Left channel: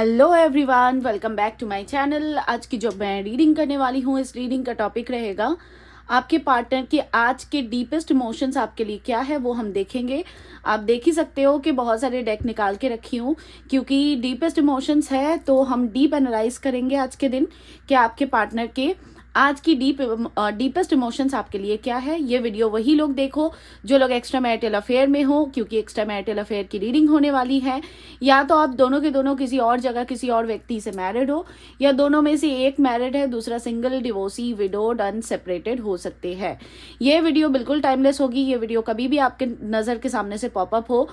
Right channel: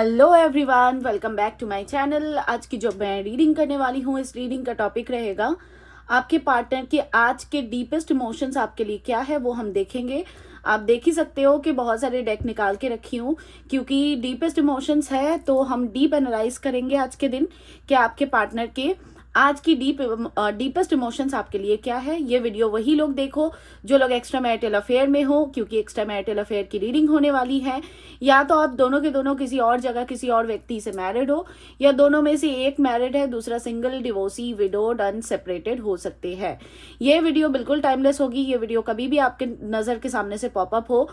Hello everyone, welcome back to my channel. आज की जो मैं रीडिंग करने वाली हूँ, इस रीडिंग का टॉपिक रहेगा आपके पार्टनर के आज के डीपेस्ट इमोशंस आपके लिए क्या है, वो हम देखेंगे। आप देख ही सकते हो कि बहुत सारे डेक निकाल के रखी हूँ, क्योंकि डीपेस्ट इमोशंस है तो हम डीप एनालाइज करेंगे आज के दिन कि आपके पार्टनर के आज की डीपेस्ट इमोशंस आपके लिए क्या है। ये वीडियो वही लोग देखो जो लोग एक्स्ट्रा मैरिटल अफेयर में हो, क्योंकि एक्स्ट्रा मैरिटल अफेयर की रीडिंग होने वाली है। या तो आप दोनों के दोनों किसी और जगह किसी और व्यक्ति से मैरिड हो, या दोनों में से एक मैरिड है, दूसरा सिंगल, डिवोर्सी, विडोड, अनसेपरेटेड हो सकते हैं। ये वीडियो बिल्कुल टाइमलेस होगी। ये वीडियो कभी भी आपके नजर के सामने से पॉपअप हो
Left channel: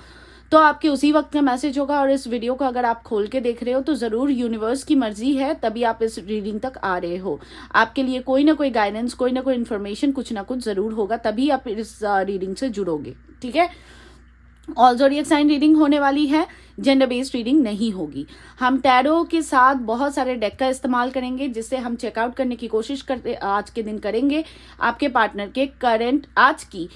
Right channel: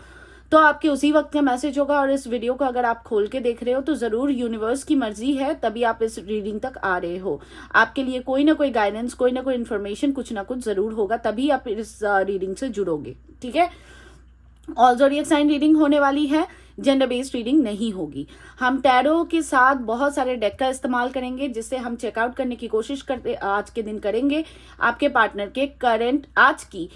तो आपके उसी वक्त का मैसेज होगा। और इस वीडियो को अगर आप खोल के देख रहे हो तो जरूर यूनिवर्स की मर्जी है, तभी आप इस रीडिंग तक आ रहे हो। आपके लिए कोई ना कोई गाइडेंस, कोई ना कोई इन्फॉर्मेशन, कुछ ना कुछ जरूर होगा, तभी आप इस रीडिंग से जुड़ोगे। ठीक है। ऑल ज़ोडिएक साइन रीडिंग होने वाली है, जेंडर बेस्ड रीडिंग नहीं होगी। हम टैरो के साथ बहुत सारे डेक का इस्तेमाल करेंगे, जिससे हम चेकआउट करने की कोशिश करते आज के दिन करेंगे आपके पार्टनर के करंट आज की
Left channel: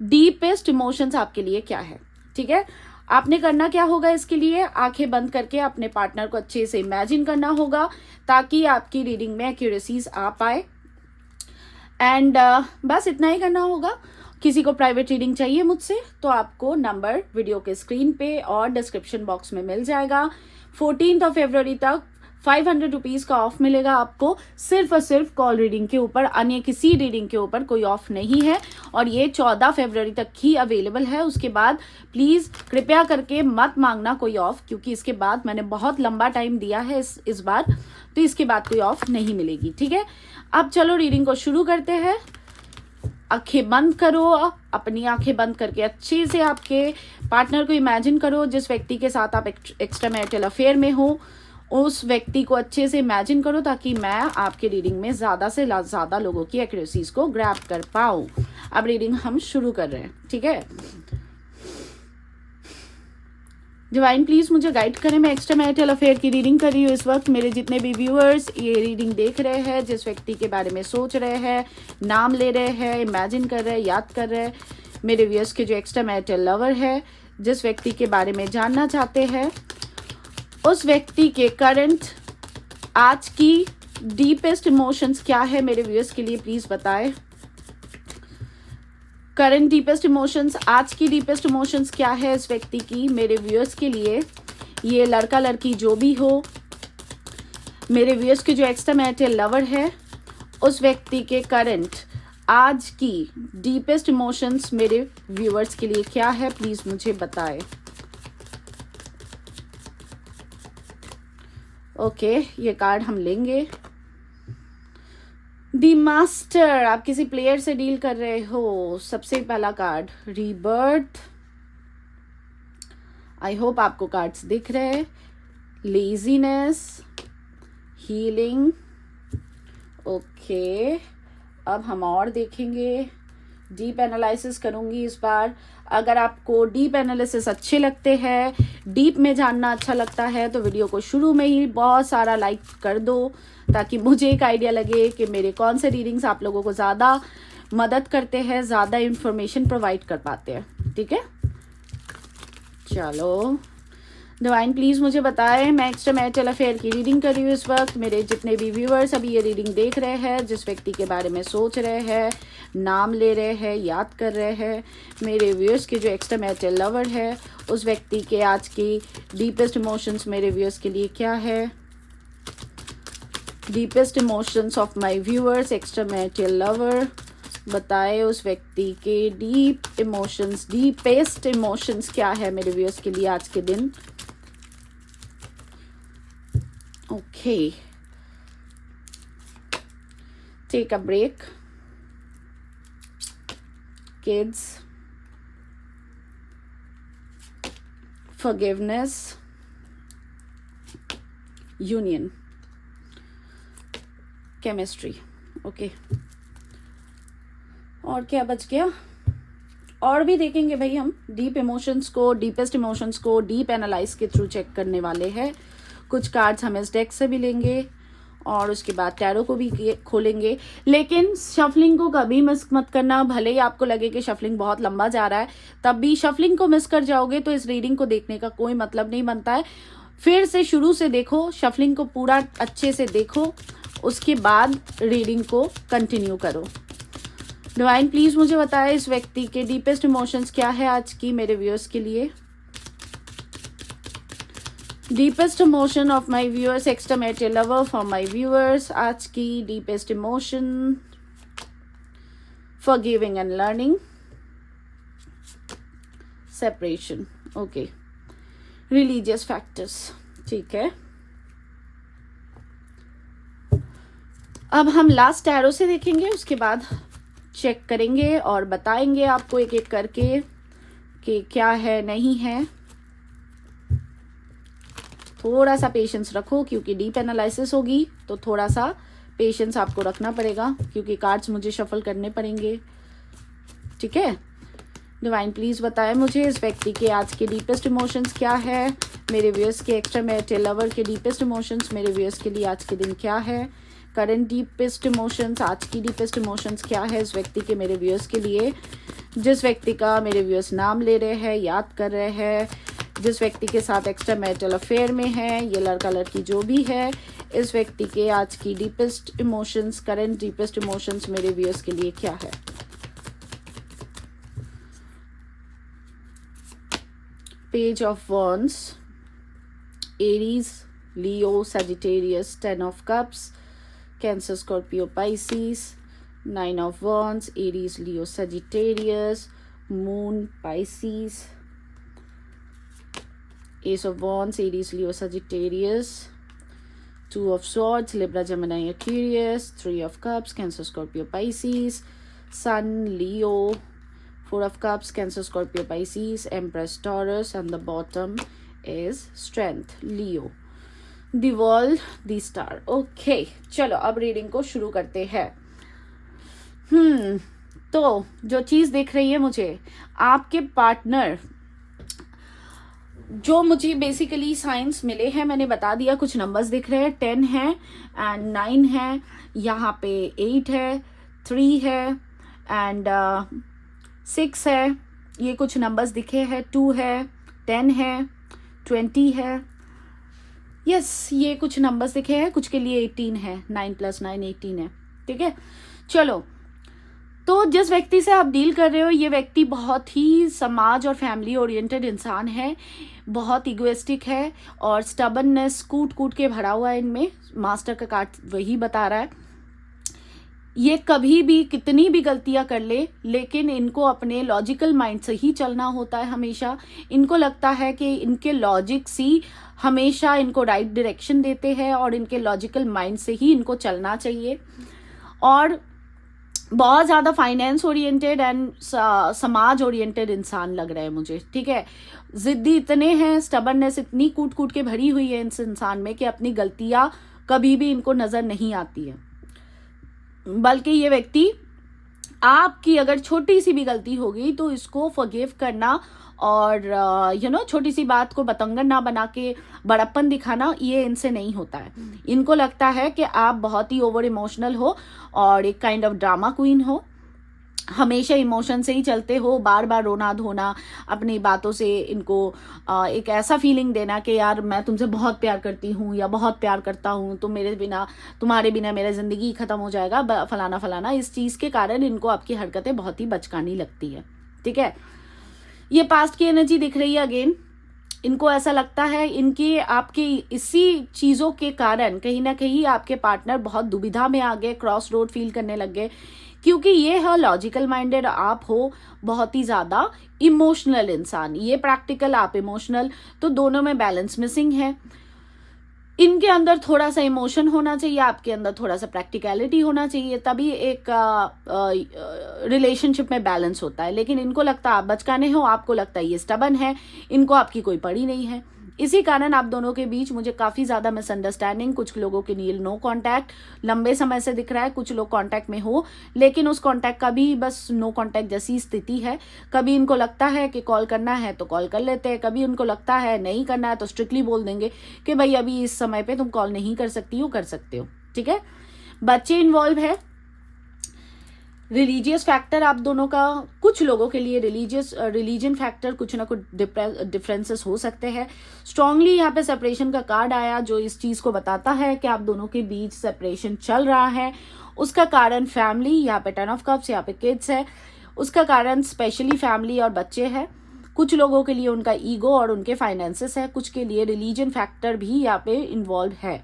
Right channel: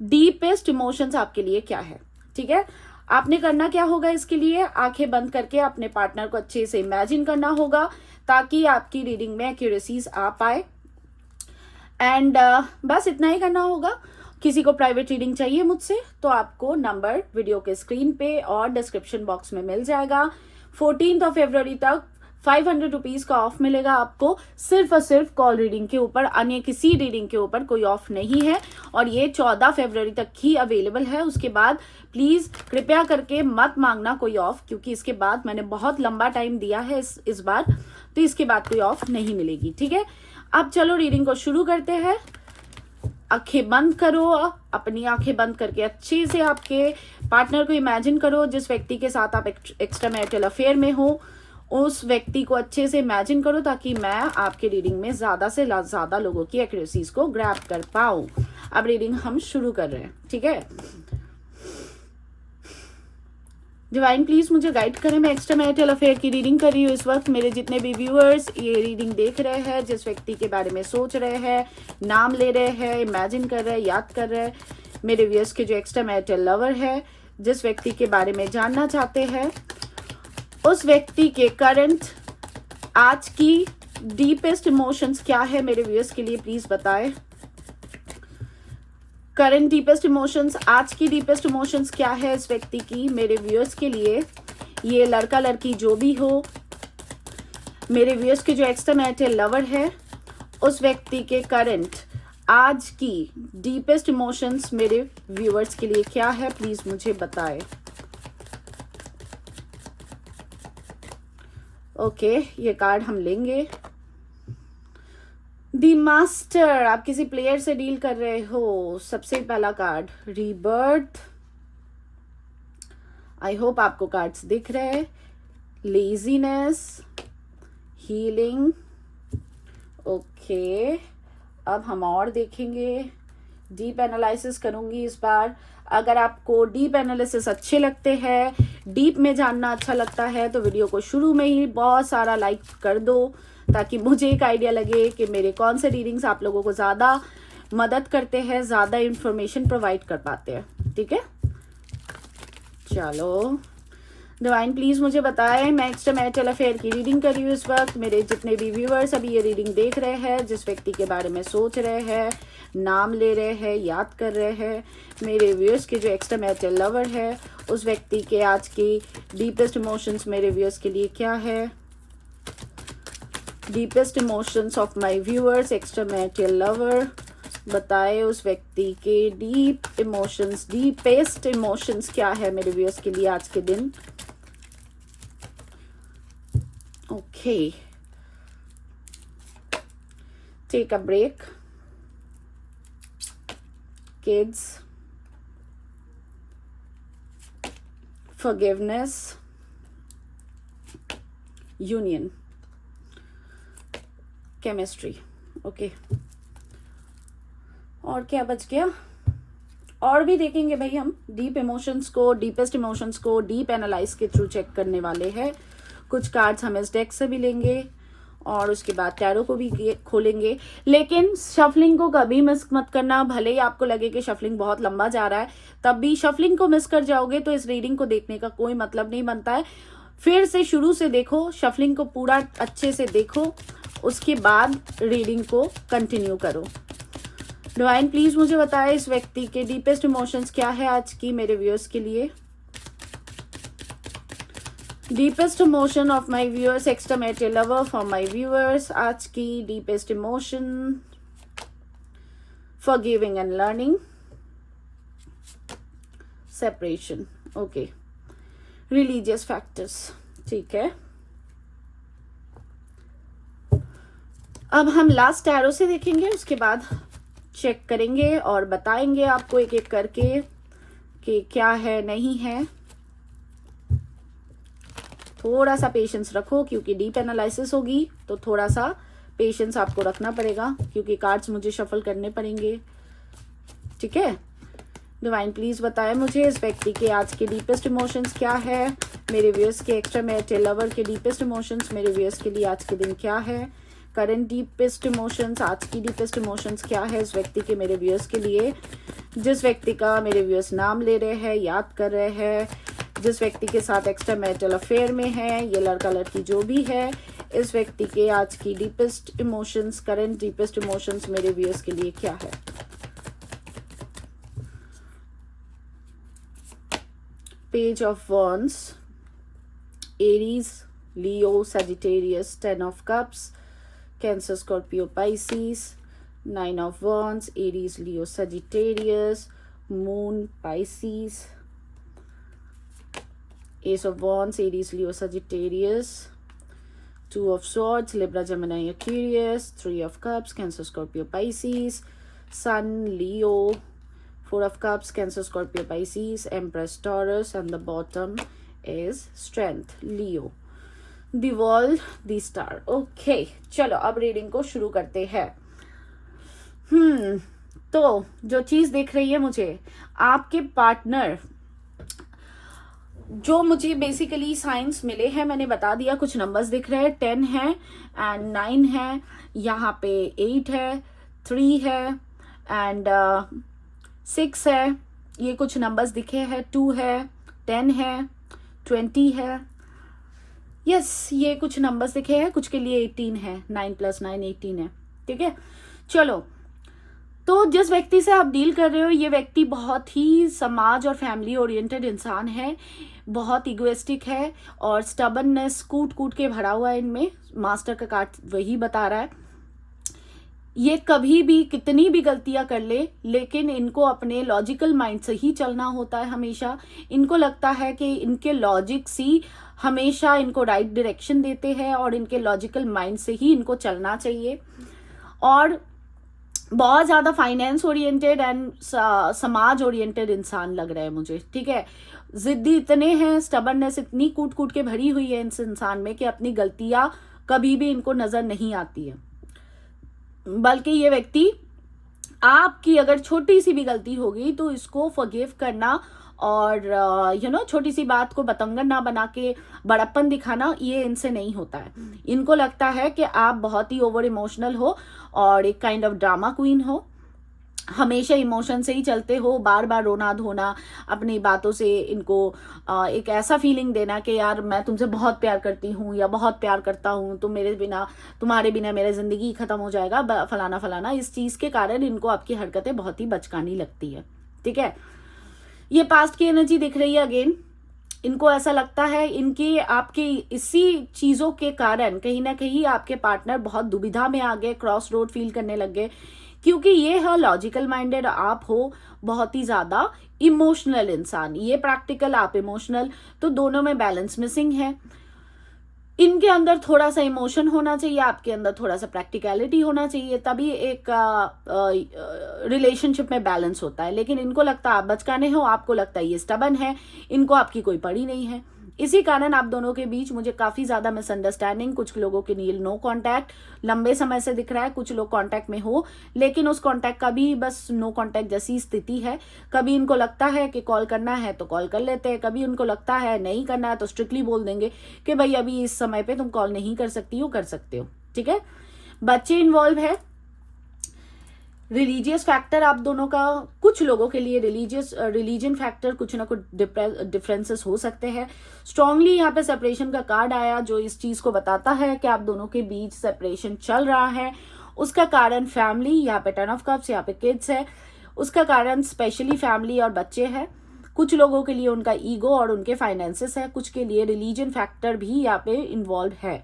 डीपेस्ट इमोशंस आपके लिए क्या है। ठीक है। आपने करना क्या होगा, इसके लिए आंखें बंद करके अपने पार्टनर को अच्छे से इमेजिन करना होगा, ताकि आपकी रीडिंग में एक्यूरेसीज आ पाए। एंड बस इतना ही करना होगा। किसी को प्राइवेट रीडिंग चाहिए मुझसे तो आपको नंबर वीडियो के स्क्रीन पे और डिस्क्रिप्शन बॉक्स में मिल जाएगा। 14 फरवरी तक 500 रुपीज का ऑफ मिलेगा आपको, सिर्फ और सिर्फ कॉल रीडिंग के ऊपर। अन्य किसी रीडिंग के ऊपर कोई ऑफ नहीं है, और ये 14 फरवरी तक ही अवेलेबल है। उसके बाद प्लीज कृपया करके मत मांगना कोई ऑफ, क्योंकि इसके बाद मैंने बहुत लंबा टाइम दिया है इस बार, तो इसके बाद कोई ऑफ नहीं मिलेगी। ठीक है। अब चलो रीडिंग को शुरू करते हैं। आंखें बंद करो, अपनी आंखें बंद करके अच्छे से आपके पार्टनर को इमेजिन करो। जिस व्यक्ति के साथ आप एक्स्ट्रा मैरिटल अफेयर में हो, उस व्यक्ति को अच्छे से इमेजिन करो, ताकि मैं आपके रीडिंग में ज्यादा से ज्यादा लोगों की एक्यूरेसीज को ग्रैब कर पाऊं। अब रीडिंग हम शुरू कर रहे हैं। ठीक है। डिवाइन प्लीज मुझे गाइड करें। मैं एक्स्ट्रा मैरिटल अफेयर की रीडिंग कर रही हूँ इस वक्त। मेरे जितने भी व्यूअर्स ये रीडिंग देख रहे हैं, जिस व्यक्ति के बारे में सोच रहे हैं, नाम ले रहे हैं, इमेजिन कर रहे हैं, याद कर रहे हैं, मेरे व्यूअर्स के जो एक्स्ट्रा मैरिटल लवर है, जिस व्यक्ति के बारे में जानना चाहते हैं, उस व्यक्ति के करंट आज की डीपेस्ट इमोशंस क्या है, मेरे व्यूअर्स के लिए प्लीज बताएं। करंट डीपेस्ट इमोशंस, आज की डीपेस्ट इमोशंस क्या है इस व्यक्ति की, मेरे व्यूअर्स के लिए। ये लड़का लड़की जो भी हो, मेरे व्यूअर्स के जो एक्स्ट्रा मैरिटल लवर है, उस व्यक्ति के करंट आज की डीपेस्ट इमोशंस मेरे व्यूअर्स के लिए क्या है, प्लीज मुझे बताएं। ओके, ये कार्ड हम लेंगे। दी मास्टर, आप किसी प्लेयर से डील कर रहे हो। सबसे पहला कार्ड रीबर्थ। आई होप आपको कार्ड्स दिख रहे हैं। Laziness, healing. ओके, अब हम और देखेंगे। डीप एनालिसिस करूंगी इस बार। अगर आपको डीप एनालिसिस अच्छे लगते हैं, डीप में जानना अच्छा लगता है, तो वीडियो को शुरू में ही बहुत सारा लाइक कर दो, ताकि मुझे एक आइडिया लगे कि मेरे कौन से रीडिंग्स आप लोगों को ज्यादा मदद करते हैं, ज्यादा इंफॉर्मेशन प्रोवाइड कर पाते हैं। ठीक है। चलो डिवाइन प्लीज मुझे बताएं। मैं एक्स्ट्रा मैरिटल अफेयर की रीडिंग कर रही हूँ इस वक्त। मेरे जितने भी व्यूअर्स अभी ये रीडिंग देख रहे हैं, जिस व्यक्ति के बारे में सोच रहे हैं, नाम ले रहे हैं, याद कर रहे हैं, मेरे व्यूअर्स के जो एक्स्ट्रा मैरिटल लवर है, उस व्यक्ति के आज की डीपेस्ट इमोशंस मेरे व्यूअर्स के लिए क्या है। Deepest emotions of my viewers, extra marital lover, बताए उस व्यक्ति के डीप इमोशंस, डीपेस्ट इमोशंस क्या है मेरे व्यूअर्स के लिए आज के दिन। Okay, take a break. Kids, forgiveness, union, chemistry. Okay, और क्या बच गया? और भी देखेंगे भाई हम डीप इमोशंस को, डीपेस्ट इमोशंस को डीप एनालाइज के थ्रू चेक करने वाले हैं। कुछ कार्ड्स हम इस डेक से भी लेंगे, और उसके बाद टैरो को भी खोलेंगे। लेकिन शफलिंग को कभी मिस मत करना। भले ही आपको लगे कि शफलिंग बहुत लंबा जा रहा है, तब भी शफलिंग को मिस कर जाओगे तो इस रीडिंग को देखने का कोई मतलब नहीं बनता है। फिर से शुरू से देखो, शफलिंग को पूरा अच्छे से देखो, उसके बाद रीडिंग को कंटिन्यू करो। डिवाइन प्लीज मुझे बताएं इस व्यक्ति के डीपेस्ट इमोशंस क्या है आज की मेरे व्यूअर्स के लिए। Deepest emotion of my viewers, exterminate your lover for my viewers. आज की deepest emotion, forgiving and learning, separation, okay, religious factors, ठीक है। अब हम लास्ट टैरो से देखेंगे, उसके बाद चेक करेंगे और बताएंगे आपको एक एक करके कि क्या है नहीं है। थोड़ा सा पेशेंस रखो क्योंकि डीप एनालिसिस होगी, तो थोड़ा सा पेशेंस आपको रखना पड़ेगा क्योंकि कार्ड्स मुझे शफल करने पड़ेंगे, ठीक है। डिवाइन प्लीज बताएं मुझे इस व्यक्ति के आज के डीपेस्ट इमोशंस क्या है, मेरे व्यूअर्स के एक्स्ट्रामैरिटल लवर के डीपेस्ट इमोशंस मेरे व्यूअर्स के लिए आज के दिन क्या है। करंट डीपेस्ट इमोशंस, आज की डीपेस्ट इमोशंस क्या है इस व्यक्ति के मेरे व्यूअर्स के लिए, जिस व्यक्ति का मेरे व्यूअर्स नाम ले रहे हैं, याद कर रहे हैं, जिस व्यक्ति के साथ एक्स्ट्रा मैरिटल अफेयर में है, ये लड़का लड़की जो भी है, इस व्यक्ति के आज की deepest emotions, current deepest emotions मेरे व्यूअर्स के लिए क्या है। Page of wands, Aries, Leo, Sagittarius, 10 of cups, cancer, Scorpio, Pisces, 9 of wands, Aries, Leo, Sagittarius, moon, Pisces, Ace of Wands, Aries, Leo, Sagittarius, 2 of Swords, Libra, Gemini, Aquarius, 3 of Cups, Cancer, Scorpio, Pisces, Sun, Leo, 4 of Cups, Cancer, Scorpio, Pisces, Empress, Taurus, and the bottom is Strength, Leo. The World, the Star. Okay, चलो अब reading को शुरू करते हैं। तो जो चीज दिख रही है मुझे, आपके पार्टनर, जो मुझे बेसिकली साइंस मिले हैं मैंने बता दिया, कुछ नंबर्स दिख रहे हैं, 10 है एंड 9 है, यहाँ पे 8 है, 3 है एंड 6 है, ये कुछ नंबर्स दिखे हैं, 2 है, 10 है, 20 है, यस ये कुछ नंबर्स दिखे हैं, कुछ के लिए 18 है, 9 + 9 18 है, ठीक है। चलो, तो जिस व्यक्ति से आप डील कर रहे हो, ये व्यक्ति बहुत ही समाज और फैमिली ओरिएंटेड इंसान है, बहुत इगोइस्टिक है और स्टबननेस कूट कूट के भरा हुआ है इनमें, मास्टर का कार्ड वही बता रहा है। ये कभी भी कितनी भी गलतियां कर ले, लेकिन इनको अपने लॉजिकल माइंड से ही चलना होता है हमेशा। इनको लगता है कि इनके लॉजिक ही हमेशा इनको राइट डायरेक्शन देते हैं और इनके लॉजिकल माइंड से ही इनको चलना चाहिए। और बहुत ज्यादा फाइनेंस ओरिएंटेड एंड समाज ओरिएंटेड इंसान लग रहा है मुझे, ठीक है। जिद्दी इतने हैं, स्टबननेस इतनी कूट कूट के भरी हुई है इस इंसान में कि अपनी गलतियां कभी भी इनको नजर नहीं आती है। बल्कि ये व्यक्ति, आपकी अगर छोटी सी भी गलती होगी तो इसको फॉरगिव करना और छोटी सी बात को बतंगड़ ना बना के बड़प्पन दिखाना, ये इनसे नहीं होता है। इनको लगता है कि आप बहुत ही ओवर इमोशनल हो और एक काइंड ऑफ ड्रामा क्वीन हो, हमेशा इमोशन से ही चलते हो, बार बार रोना धोना, अपनी बातों से इनको एक ऐसा फीलिंग देना कि यार मैं तुमसे बहुत प्यार करती हूँ या बहुत प्यार करता हूँ, तुम मेरे बिना, तुम्हारे बिना मेरा जिंदगी खत्म हो जाएगा, फलाना फलाना। इस चीज के कारण इनको आपकी हरकतें बहुत ही बचकानी लगती है, ठीक है। ये पास्ट की एनर्जी दिख रही है अगेन। इनको ऐसा लगता है इनकी आपकी इसी चीजों के कारण कहीं ना कहीं आपके पार्टनर बहुत दुविधा में आ गए, क्रॉस रोड फील करने लग गए, क्योंकि ये है लॉजिकल माइंडेड, आप हो बहुत ही ज्यादा इमोशनल इंसान, ये प्रैक्टिकल, आप इमोशनल, तो दोनों में बैलेंस मिसिंग है। इनके अंदर थोड़ा सा इमोशन होना चाहिए, आपके अंदर थोड़ा सा प्रैक्टिकलिटी होना चाहिए, तभी एक रिलेशनशिप में बैलेंस होता है। लेकिन इनको लगता है आप बचकाने हो, आपको लगता है ये स्टबन है, इनको आपकी कोई पड़ी नहीं है। इसी कारण आप दोनों के बीच मुझे काफी ज्यादा मिसअंडरस्टैंडिंग, कुछ लोगों के लिए नो कांटेक्ट लंबे समय से दिख रहा है, कुछ लोग कांटेक्ट में हो लेकिन उस कांटेक्ट का भी बस नो कांटेक्ट जैसी स्थिति है। कभी इनको लगता है कि कॉल करना है तो कॉल कर लेते हैं, कभी उनको लगता है नहीं करना है तो स्ट्रिक्टली बोल देंगे कि भाई अभी इस समय पे तुम कॉल नहीं कर सकती हो, कर सकते हो, ठीक है। बच्चे इन्वॉल्व है, रिलीजियस फैक्टर आप दोनों का, कुछ लोगों के लिए रिलीजन फैक्टर कुछ ना कुछ डिफरेंसेस हो सकते हैं। स्ट्रांगली यहाँ पे सेपरेशन का कार्ड आया जो इस चीज को बताता है कि आप दोनों के बीच सेपरेशन चल रहा है। उसका कारण फैमिली, यहाँ पे 10 ऑफ कप्स, यहाँ पे किड्स है। उसका कारण स्पेशली फैमिली और बच्चे हैं। कुछ लोगों के लिए उनका ईगो और उनके फाइनेंसेस है। कुछ के लिए रिलीजन फैक्टर भी यहाँ पे इन्वॉल्व है,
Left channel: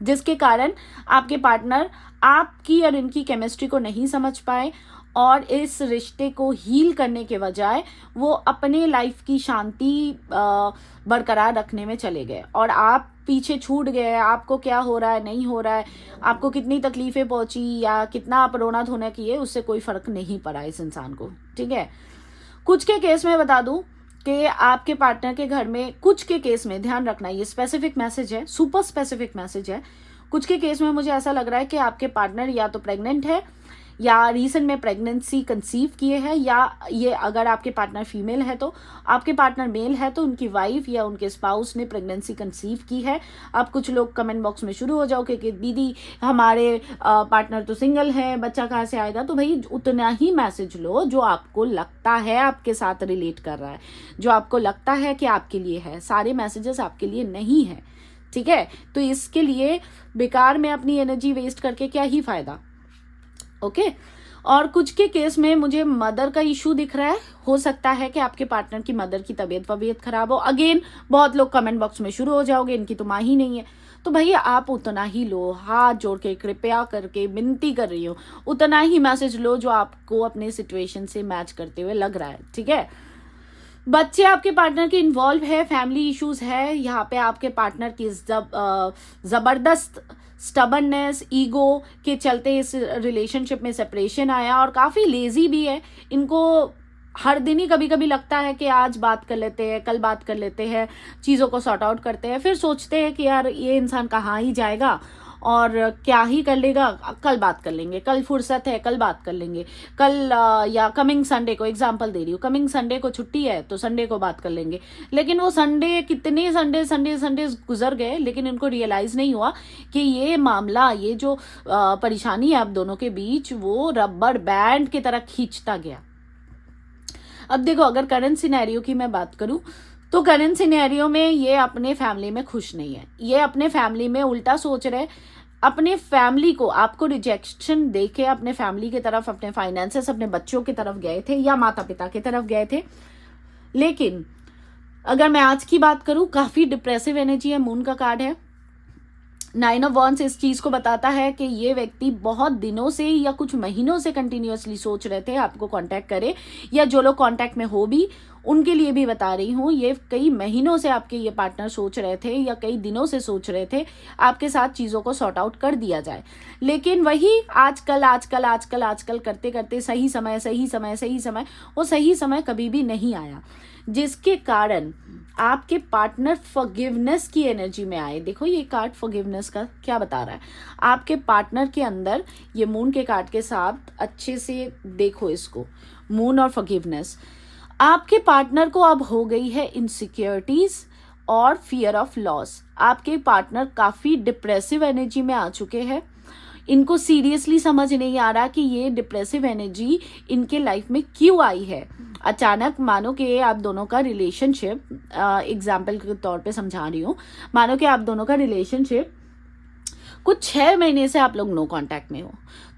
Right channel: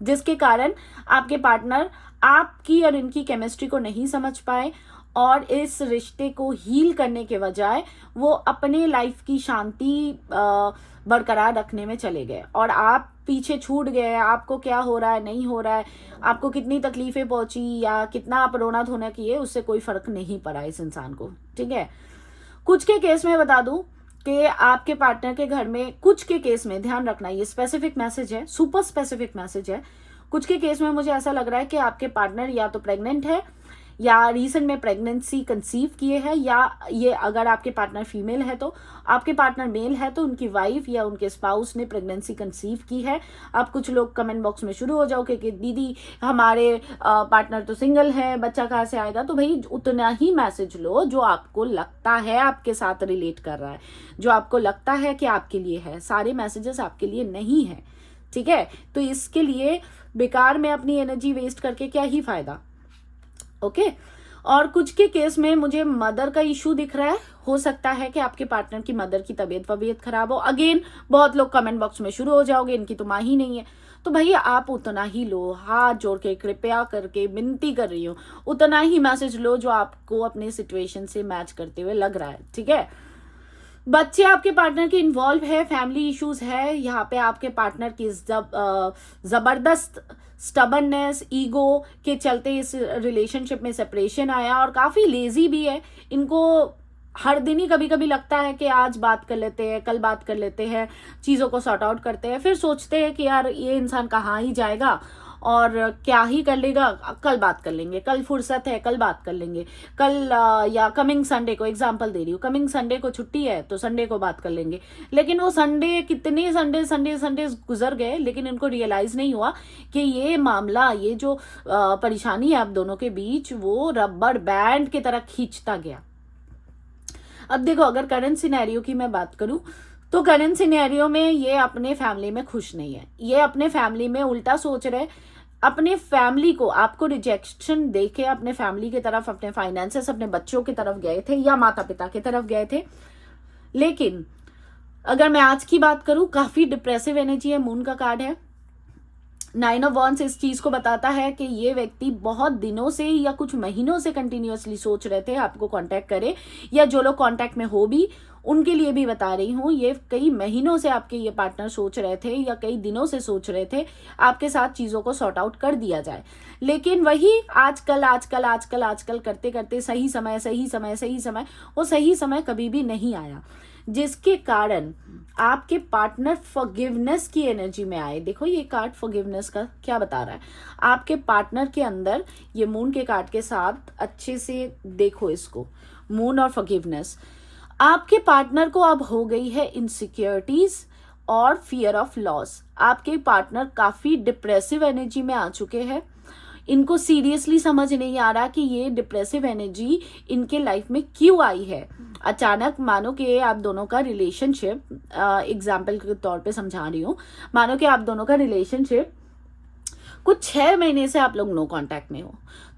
जिसके कारण आपके पार्टनर आपकी और इनकी केमिस्ट्री को नहीं समझ पाए और इस रिश्ते को हील करने के बजाय वो अपने लाइफ की शांति बरकरार रखने में चले गए और आप पीछे छूट गए। आपको क्या हो रहा है, नहीं हो रहा है, आपको कितनी तकलीफें पहुंची या कितना आप रोना धोना किए, उससे कोई फर्क नहीं पड़ा इस इंसान को। ठीक है, कुछ के केस में बता दूं कि आपके पार्टनर के घर में, कुछ के केस में ध्यान रखना, ये स्पेसिफिक मैसेज है, सुपर स्पेसिफिक मैसेज है। कुछ के केस में मुझे ऐसा लग रहा है कि आपके पार्टनर या तो प्रेग्नेंट है या रिसेंट में प्रेगनेंसी कंसीव किए हैं, या ये अगर आपके पार्टनर फीमेल है तो, आपके पार्टनर मेल है तो उनकी वाइफ या उनके स्पाउस ने प्रेगनेंसी कंसीव की है। अब कुछ लोग कमेंट बॉक्स में शुरू हो जाओगे कि दीदी हमारे पार्टनर तो सिंगल है, बच्चा कहाँ से आएगा। तो भाई उतना ही मैसेज लो जो आपको लगता है आपके साथ रिलेट कर रहा है, जो आपको लगता है कि आपके लिए है। सारे मैसेजेस आपके लिए नहीं है, ठीक है। तो इसके लिए बेकार में अपनी एनर्जी वेस्ट करके क्या ही फायदा। ओके और कुछ के केस में मुझे मदर का इशू दिख रहा है। हो सकता है कि आपके पार्टनर की मदर की तबीयत खराब हो। अगेन बहुत लोग कमेंट बॉक्स में शुरू हो जाओगे इनकी तो माँ ही नहीं है। तो भैया आप उतना ही लो, हाथ जोड़ के कृपया करके विनती कर रही हूँ, उतना ही मैसेज लो जो आपको अपने सिचुएशन से मैच करते हुए लग रहा है। ठीक है, बच्चे आपके पार्टनर के इन्वॉल्व है, फैमिली इश्यूज है, यहाँ पे आपके पार्टनर की जबरदस्त स्टबर्ननेस, ईगो के चलते इस रिलेशनशिप में सेपरेशन आया और काफी लेजी भी है। इनको हर दिन ही कभी कभी लगता है कि आज बात कर लेते हैं, कल बात कर लेते हैं, चीजों को सॉर्ट आउट करते हैं, फिर सोचते हैं कि यार ये इंसान कहाँ ही जाएगा और क्या ही कर लेगा, कल बात कर लेंगे, कल फुर्सत है कल बात कर लेंगे, कल या कमिंग संडे को, एग्जांपल दे रही हूँ, कमिंग संडे को छुट्टी है तो संडे को बात कर लेंगे। लेकिन वो संडे, कितने संडे गुजर गए लेकिन इनको रियलाइज नहीं हुआ कि ये मामला, ये जो परेशानी है आप दोनों के बीच, वो रबर बैंड की तरह खींचता गया। अब देखो, अगर करंट सिनेरियो की मैं बात करूं तो करंट सिनेरियो में ये अपने फैमिली में खुश नहीं है। ये अपने फैमिली में उल्टा सोच रहे, अपने फैमिली को, आपको रिजेक्शन देके अपने फैमिली की तरफ, अपने फाइनेंसेस, अपने बच्चों की तरफ गए थे या माता पिता की तरफ गए थे। लेकिन अगर मैं आज की बात करूं, काफी डिप्रेसिव एनर्जी है, मून का कार्ड है। 9 ऑफ वॉन्ड्स इस चीज को बताता है कि ये व्यक्ति बहुत दिनों से या कुछ महीनों से कंटिन्यूअसली सोच रहे थे आपको कांटेक्ट करे, या जो लोग कांटेक्ट में हो भी उनके लिए भी बता रही हूँ, ये कई महीनों से आपके ये पार्टनर सोच रहे थे या कई दिनों से सोच रहे थे आपके साथ चीजों को सॉर्ट आउट कर दिया जाए। लेकिन वही आजकल करते करते सही समय, वो सही समय कभी भी नहीं आया, जिसके कारण आपके पार्टनर फॉरगिवनेस की एनर्जी में आए। देखो ये कार्ड फॉरगिवनेस का क्या बता रहा है, आपके पार्टनर के अंदर, ये मून के कार्ड के साथ अच्छे से देखो इसको, मून और फॉरगिवनेस। आपके पार्टनर को अब हो गई है इनसिक्योरिटीज और फियर ऑफ लॉस। आपके पार्टनर काफी डिप्रेसिव एनर्जी में आ चुके हैं। इनको सीरियसली समझ नहीं आ रहा कि ये डिप्रेसिव एनर्जी इनके लाइफ में क्यों आई है। अचानक मानो कि आप दोनों का रिलेशनशिप, एग्जाम्पल के तौर पे समझा रही हूँ, मानो कि आप दोनों का रिलेशनशिप कुछ 6 महीने से आप लोग नो कांटेक्ट में हो,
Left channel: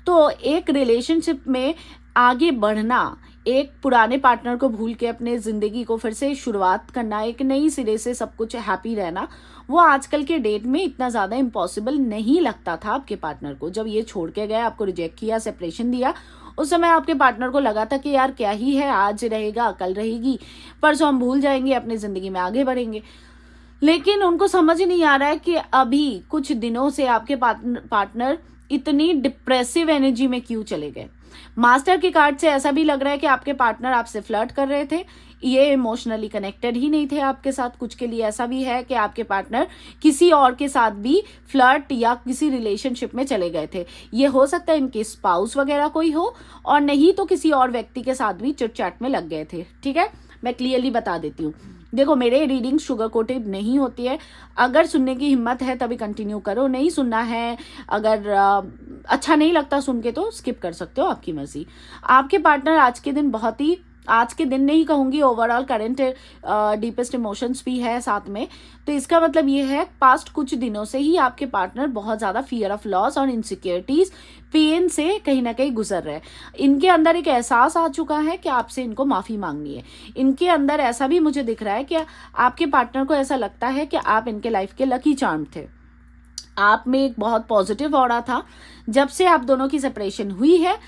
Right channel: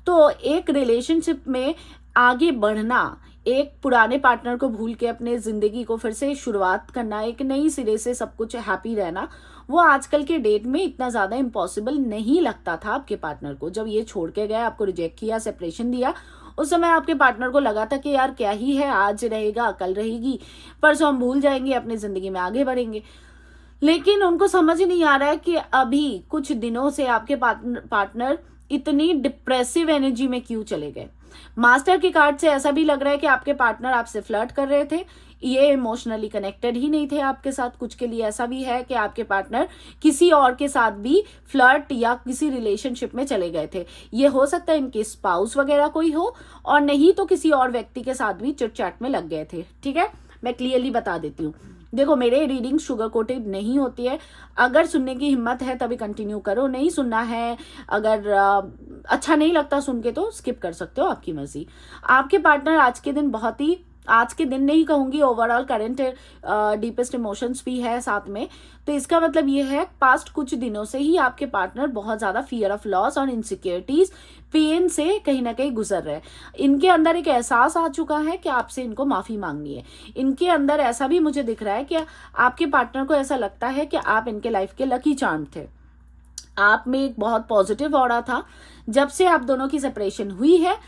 तो एक रिलेशनशिप में आगे बढ़ना, एक पुराने पार्टनर को भूल के अपने जिंदगी को फिर से शुरुआत करना, एक नई सिरे से सब कुछ हैप्पी रहना, वो आजकल के डेट में इतना ज्यादा इम्पॉसिबल नहीं लगता था आपके पार्टनर को। जब ये छोड़ के गए, आपको रिजेक्ट किया, सेपरेशन दिया, उस समय आपके पार्टनर को लगा था कि यार क्या ही है, आज रहेगा कल रहेगी, परसों हम भूल जाएंगे, अपनी जिंदगी में आगे बढ़ेंगे। लेकिन उनको समझ नहीं आ रहा है कि अभी कुछ दिनों से आपके पार्टनर इतनी डिप्रेसिव एनर्जी में क्यों चले गए। मास्टर के कार्ड से ऐसा भी लग रहा है कि आपके पार्टनर आपसे फ्लर्ट कर रहे थे, ये इमोशनली कनेक्टेड ही नहीं थे आपके साथ। कुछ के लिए ऐसा भी है कि आपके पार्टनर किसी और के साथ भी फ्लर्ट या किसी रिलेशनशिप में चले गए थे। ये हो सकता है इनके स्पाउस वगैरह कोई हो, और नहीं तो किसी और व्यक्ति के साथ भी चिट चैट में लग गए थे। ठीक है, मैं क्लियरली बता देती हूँ। देखो, मेरे रीडिंग शुगर कोटेड नहीं होती है। अगर सुनने की हिम्मत है तभी कंटिन्यू करो, नहीं सुनना है, अगर अच्छा नहीं लगता सुन के तो स्किप कर सकते हो, आपकी मर्जी। आपके पार्टनर आज के दिन बहुत ही, आज के दिन नहीं कहूंगी, ओवरऑल करंट डीपेस्ट इमोशंस भी है साथ में। तो इसका मतलब ये है पास्ट कुछ दिनों से ही आपके पार्टनर बहुत ज्यादा फियर ऑफ लॉस और इनसिक्योरिटीज, पेन से कहीं ना कहीं गुजर रहे हैं। इनके अंदर एक एहसास आ चुका है कि आपसे इनको माफी मांगनी है। इनके अंदर ऐसा भी मुझे दिख रहा है कि आपके पार्टनर को ऐसा लगता है कि आप इनके लाइफ के लकी चार्म थे। आप में एक बहुत पॉजिटिव ऑरा था। जब से आप दोनों की सेपरेशन हुई है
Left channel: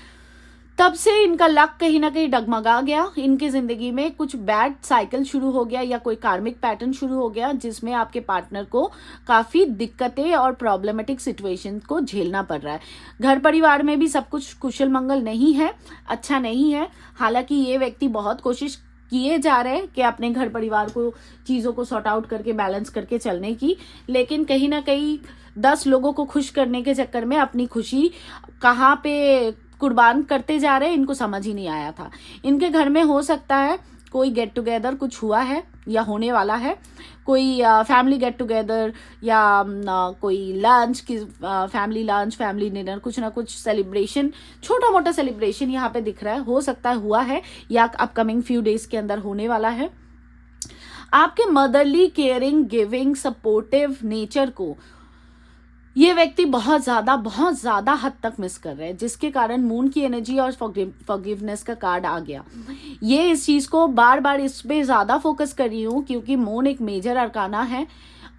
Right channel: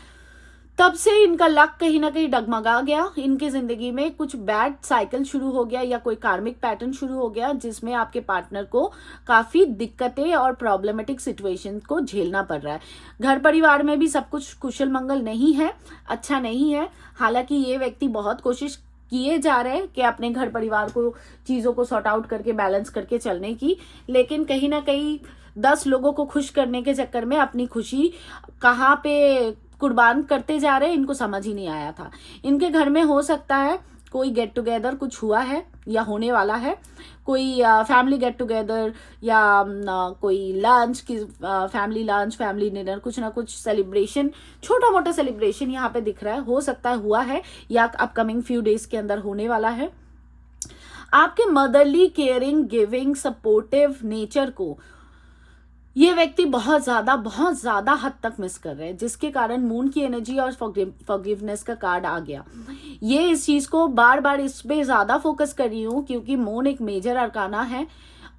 तब से इनका लक कहीं ना कहीं डगमगा गया। इनकी जिंदगी में कुछ बैड साइकिल शुरू हो गया या कोई कार्मिक पैटर्न शुरू हो गया, जिसमें आपके पार्टनर को काफी दिक्कतें और प्रॉब्लमेटिक सिचुएशन को झेलना पड़ रहा है। घर परिवार में भी सब कुछ कुशल मंगल नहीं है, अच्छा नहीं है। हालांकि ये व्यक्ति बहुत कोशिश किए जा रहे हैं कि अपने घर परिवार को चीजों को सॉर्ट आउट करके बैलेंस करके चलने की, लेकिन कहीं ना कहीं 10 लोगों को खुश करने के चक्कर में अपनी खुशी कहाँ पे कुर्बान करते जा रहे हैं, इनको समझ ही नहीं आया था। इनके घर में हो सकता है कोई गेट टुगेदर कुछ हुआ है या होने वाला है, कोई फैमिली गेट टुगेदर या कोई लंच की फैमिली लंच, फैमिली डिनर, कुछ ना कुछ सेलिब्रेशन, छोटा मोटा सेलिब्रेशन यहाँ पे दिख रहा है। हो सकता है हुआ है या अपकमिंग फ्यू डेज के अंदर होने वाला है। आपके motherly, caring, giving, supportive nature को ये व्यक्ति बहुत ज्यादा हद तक मिस कर रहे हैं, जिसके कारण मून की एनर्जी और फॉरगिवनेस का कार्ड आ गया। ये इस चीज को बार बार इस पे ज्यादा फोकस कर रही हूँ क्योंकि मून एक मेजर अरकाना है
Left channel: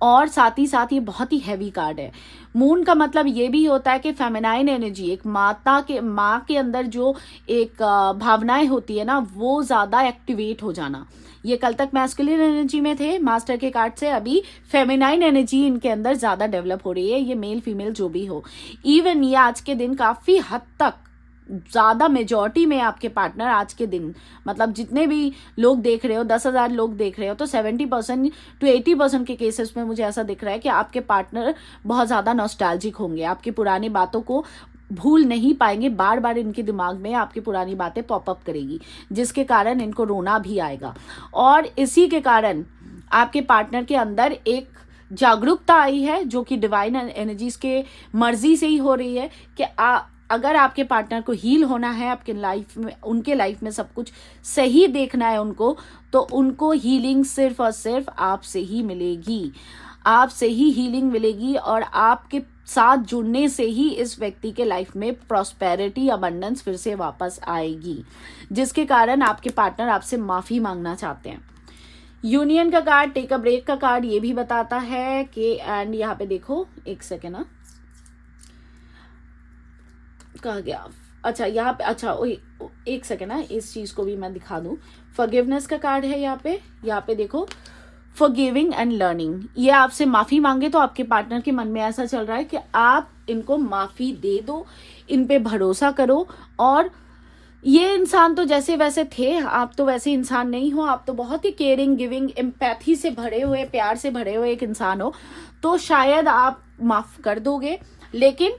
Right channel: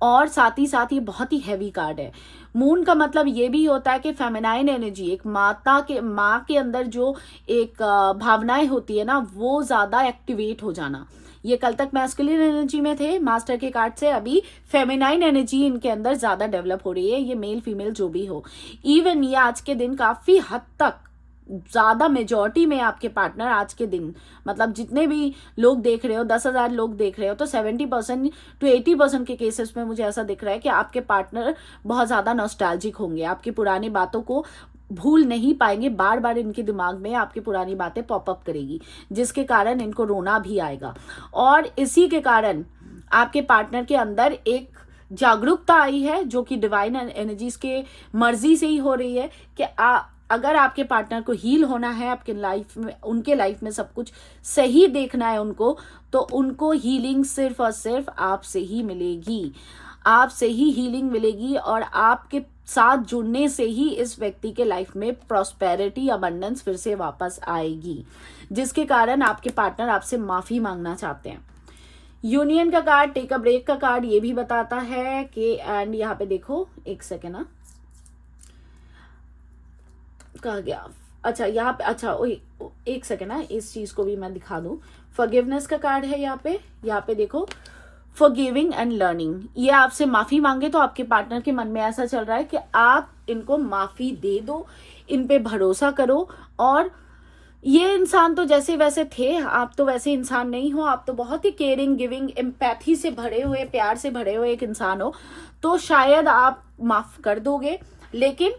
और साथ ही साथ ये बहुत ही हैवी कार्ड है। मून का मतलब ये भी होता है कि फेमिनाइन एनर्जी, एक माँ के अंदर जो एक भावनाएं होती है ना, वो ज्यादा एक्टिवेट हो जाना। ये कल तक मैस्कुलिन एनर्जी में थे मास्टर के कार्ड से, अभी फेमिनाइन एनर्जी इनके अंदर ज्यादा डेवलप हो रही है। ये मेल फीमेल जो भी हो, इवन ये आज के दिन काफी हद तक ज्यादा मेजॉरिटी में आपके पार्टनर आज के दिन, मतलब जितने भी लोग देख रहे हो, 10,000 लोग देख रहे हो, तो 70% to 80% के केसेस में मुझे ऐसा दिख रहा है कि आपके पार्टनर बहुत ज्यादा नॉस्टैल्जिक होंगे, आपकी पुरानी बातों को भूल नहीं पाएंगे। बार बार इनके दिमाग में आपकी पुरानी बातें पॉपअप करेगी, जिसके कारण इनको रोना भी आएगा। और इसी के कारण आपके पार्टनर के अंदर एक जागरूकता आई है जो कि डिवाइन एनर्जीज के मर्जी से ही हो रही है कि अगर आपके पार्टनर को हील होना है, आपके लाइफ में, उनके लाइफ में सब कुछ सही देखना है उनको, तो उनको हीलिंग सिर्फ और सिर्फ आपसे ही मिलेगी, आपसे ही हीलिंग मिलेगी। और आपके साथ जुड़ने से ही इस व्यक्ति के लाइफ में प्रॉस्पेरिटी, अबंडेंस फिर से वापस आएगी, जिसके कारण आपके पार्टनर आपसे माफी मांगना चाहते हैं। यूनियन का कार्ड, टेक अ ब्रेक का कार्ड ये भी बताता है कि, एंड यहाँ पे देखो एक सेकेंड ना, कहा गया, अच्छा यहाँ पे, अच्छा एक सेकेंड ना, इस चीज को भी मैं दिखा दूं। फॉरगिवनेस का कार्ड है यहाँ पे देखो, फॉरगिविंग एंड लर्निंग। ये आपसे माफी मांगे तो आपके पार्टनर के मन में ऐसा चल रहा है कि आप इनको माफी दे दो, इन पे भरोसा करो। और ये इंसान तो जैसे वैसे थे, आप तो वैसे इंसान नहीं हो, आप तो बहुत ही केयरिंग, गिविंग, एम्पैथी से भरे हुए, प्यार से भरे हुए एक इंसान हो, तो शायद आप माफ कर दोगे। लेकिन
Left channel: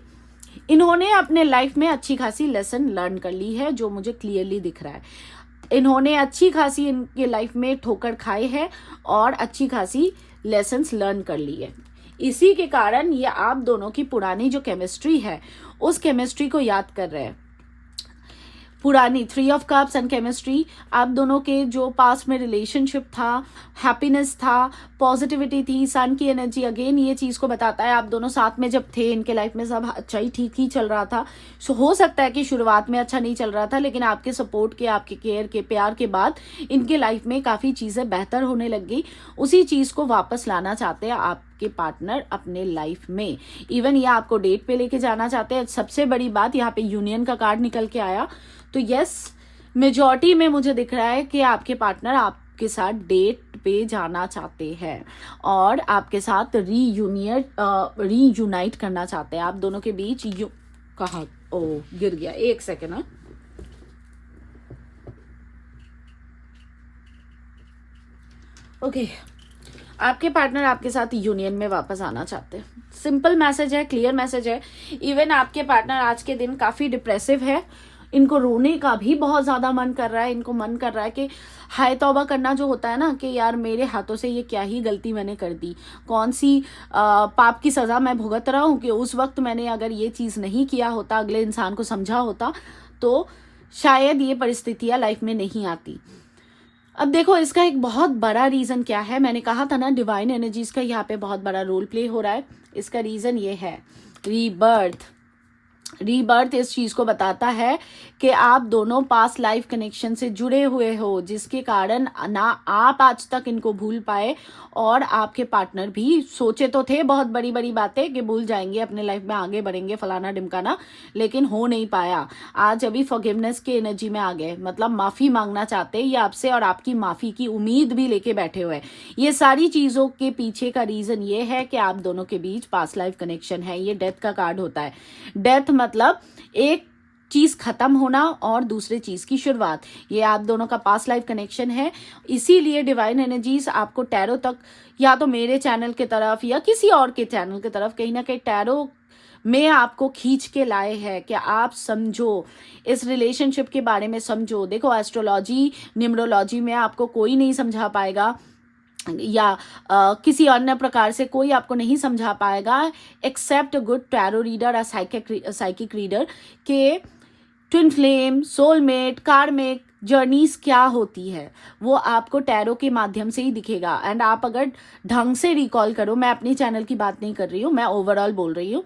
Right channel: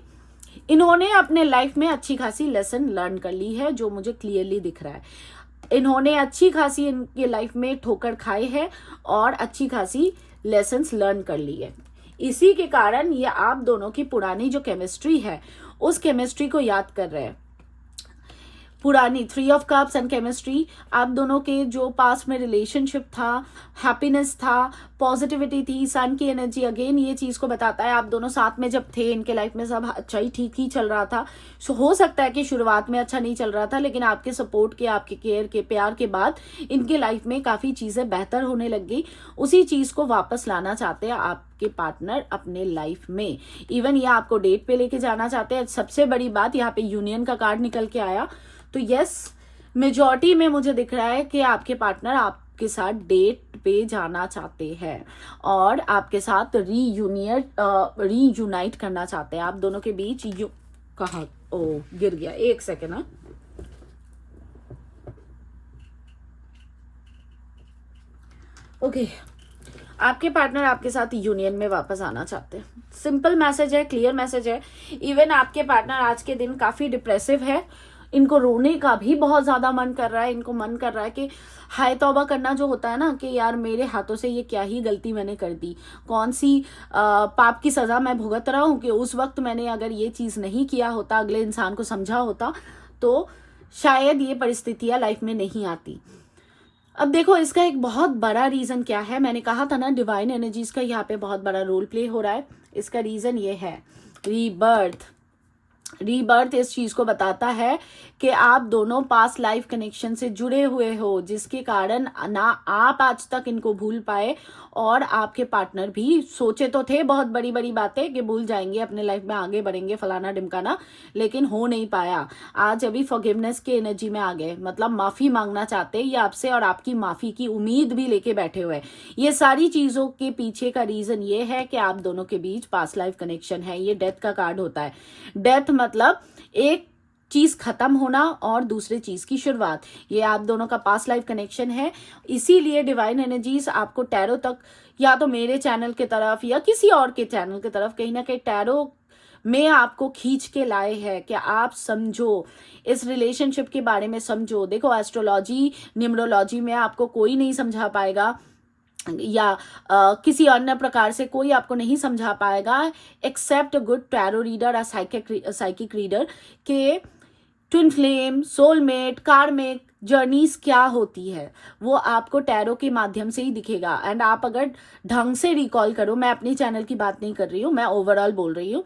इन्होंने अपने लाइफ में अच्छी खासी लेसन लर्न कर ली है, जो मुझे क्लियरली दिख रहा है। इन्होंने अच्छी खासी इनके लाइफ में ठोकर खाई है और अच्छी खासी लेसन्स लर्न कर ली है। इसी के कारण ये आप दोनों की पुरानी जो केमिस्ट्री है, उस केमिस्ट्री को याद कर रहे हैं। पुरानी 3 ऑफ कप्स एंड केमिस्ट्री, आप दोनों के जो पास्ट में रिलेशनशिप था, हैप्पीनेस था, पॉजिटिविटी थी, सन की एनर्जी, अगेन ये चीज को बताता है आप दोनों साथ में जब थे, इनके लाइफ में सब अच्छा ही, ठीक ही चल रहा था। हो सकता है कि शुरुआत में अच्छा नहीं चल रहा था, लेकिन आपके सपोर्ट के, आपके केयर के, प्यार के बाद इनके लाइफ में काफी चीजें बेहतर होने लग गई। उसी चीज को वापस लाना चाहते हैं आपके पार्टनर अपने लाइफ में। इवन ये आपको डेट पे लेके जाना चाहते हैं। सबसे बड़ी बात, यहाँ पे यूनियन का कार्ड निकल के आया, तो यस, मेजॉरिटी में मुझे दिख रहा है कि आपके पार्टनर आपके साथ डेट पे जाना चाहते हैं और आपके साथ रीयूनाइट करना चाहते हैं। आप दोनों के बीच कहा, ओ गिर गया, एक सेकेंड ना, ओके। आपके पार्टनर आपके साथ यूनियन में वापस आना चाहते हैं। सिंपल मैसेज है, क्लियर मैसेज है। इवन आपके पार्टनर आज के दिन काफी डिप्रेसिव है, इनको रोने का भी बहुत ज़्यादा मन कर रहा है, इनको मन कर रहा है कि हाय तौबा करना जो होता है ना, कि यार मेरे हाथों से ये क्या ही गलती मैंने कर दी, कौन सी पाप की सज़ा मैं भुगत रहा हूँ, कि उस वक्त मैंने अगर ये चीज़ नहीं किया होता, अगले इंसान को समझा होता, तो शायद ये परिस्थितियाँ लाइफ में नहीं आती। अब देखो, इसका एक बहुत बड़ा रीज़न क्या है, मैंने कहा था ना डिवाइन एनर्जीज का यहाँ पे बहुत बड़ा रोल प्ले हो रहा है। इसका रीज़न ये है रीबर्थ। रीबर्थ इस चीज को बताता है कि आप दोनों पास्ट लाइफ कनेक्शन से जुड़े हुए हो, जिसके कारण ना आप आज तक इनको भूल पाए, और आपके पार्टनर भी सोचे तो थे बहुत बड़ी बड़ी बातें कि भूल जाएंगे, अपने लाइफ में आगे बढ़ेंगे, फलाना ढिमकाना, लेकिन हो नहीं पाया। आज अभी फॉरगिवनेस के एनर्जी में आ गए, मतलब माफी मांगना चाहते हैं ये आपसे, और आपकी माफी की उम्मीद भी लेके बैठे हुए। ये सारी चीजों के पीछे का रीजन ये है कि आप दोनों के बीच पास्ट लाइफ कनेक्शन है। ये डेथ का कार्ड होता है। डेथ मतलब एक चीज खत्म होना और दूसरे चीज की शुरुआत। ये आप दोनों का पास्ट लाइफ कनेक्शन है। इसीलिए डिवाइन एनर्जीज आपको टैरो तक, या तो मेरे चैनल की तरफ या किसी और के चैनल की तरफ, कहीं ना कहीं टैरो में आपको खींच के लाए हैं कि आप समझो, इस रिलेशनशिप के बारे में समझो। देखो, एस्ट्रोलॉजी, न्यूमरोलॉजी में आपको कोई नहीं समझा पाएगा, या किसी अन्य प्रकार से कोई आपको नहीं समझा पाएगा, except a good tarot reader, a psychic reader, के twin flame, soulmate, karmic journeys क्या होती है वो आपको टैरो के माध्यम से ही दिखेगा। एंड आप अगर ढंग से रिकॉल करो, मैं अपनी चैनल की बात नहीं कर रही हूँ, मैं ओवरऑल बोल रही हूँ,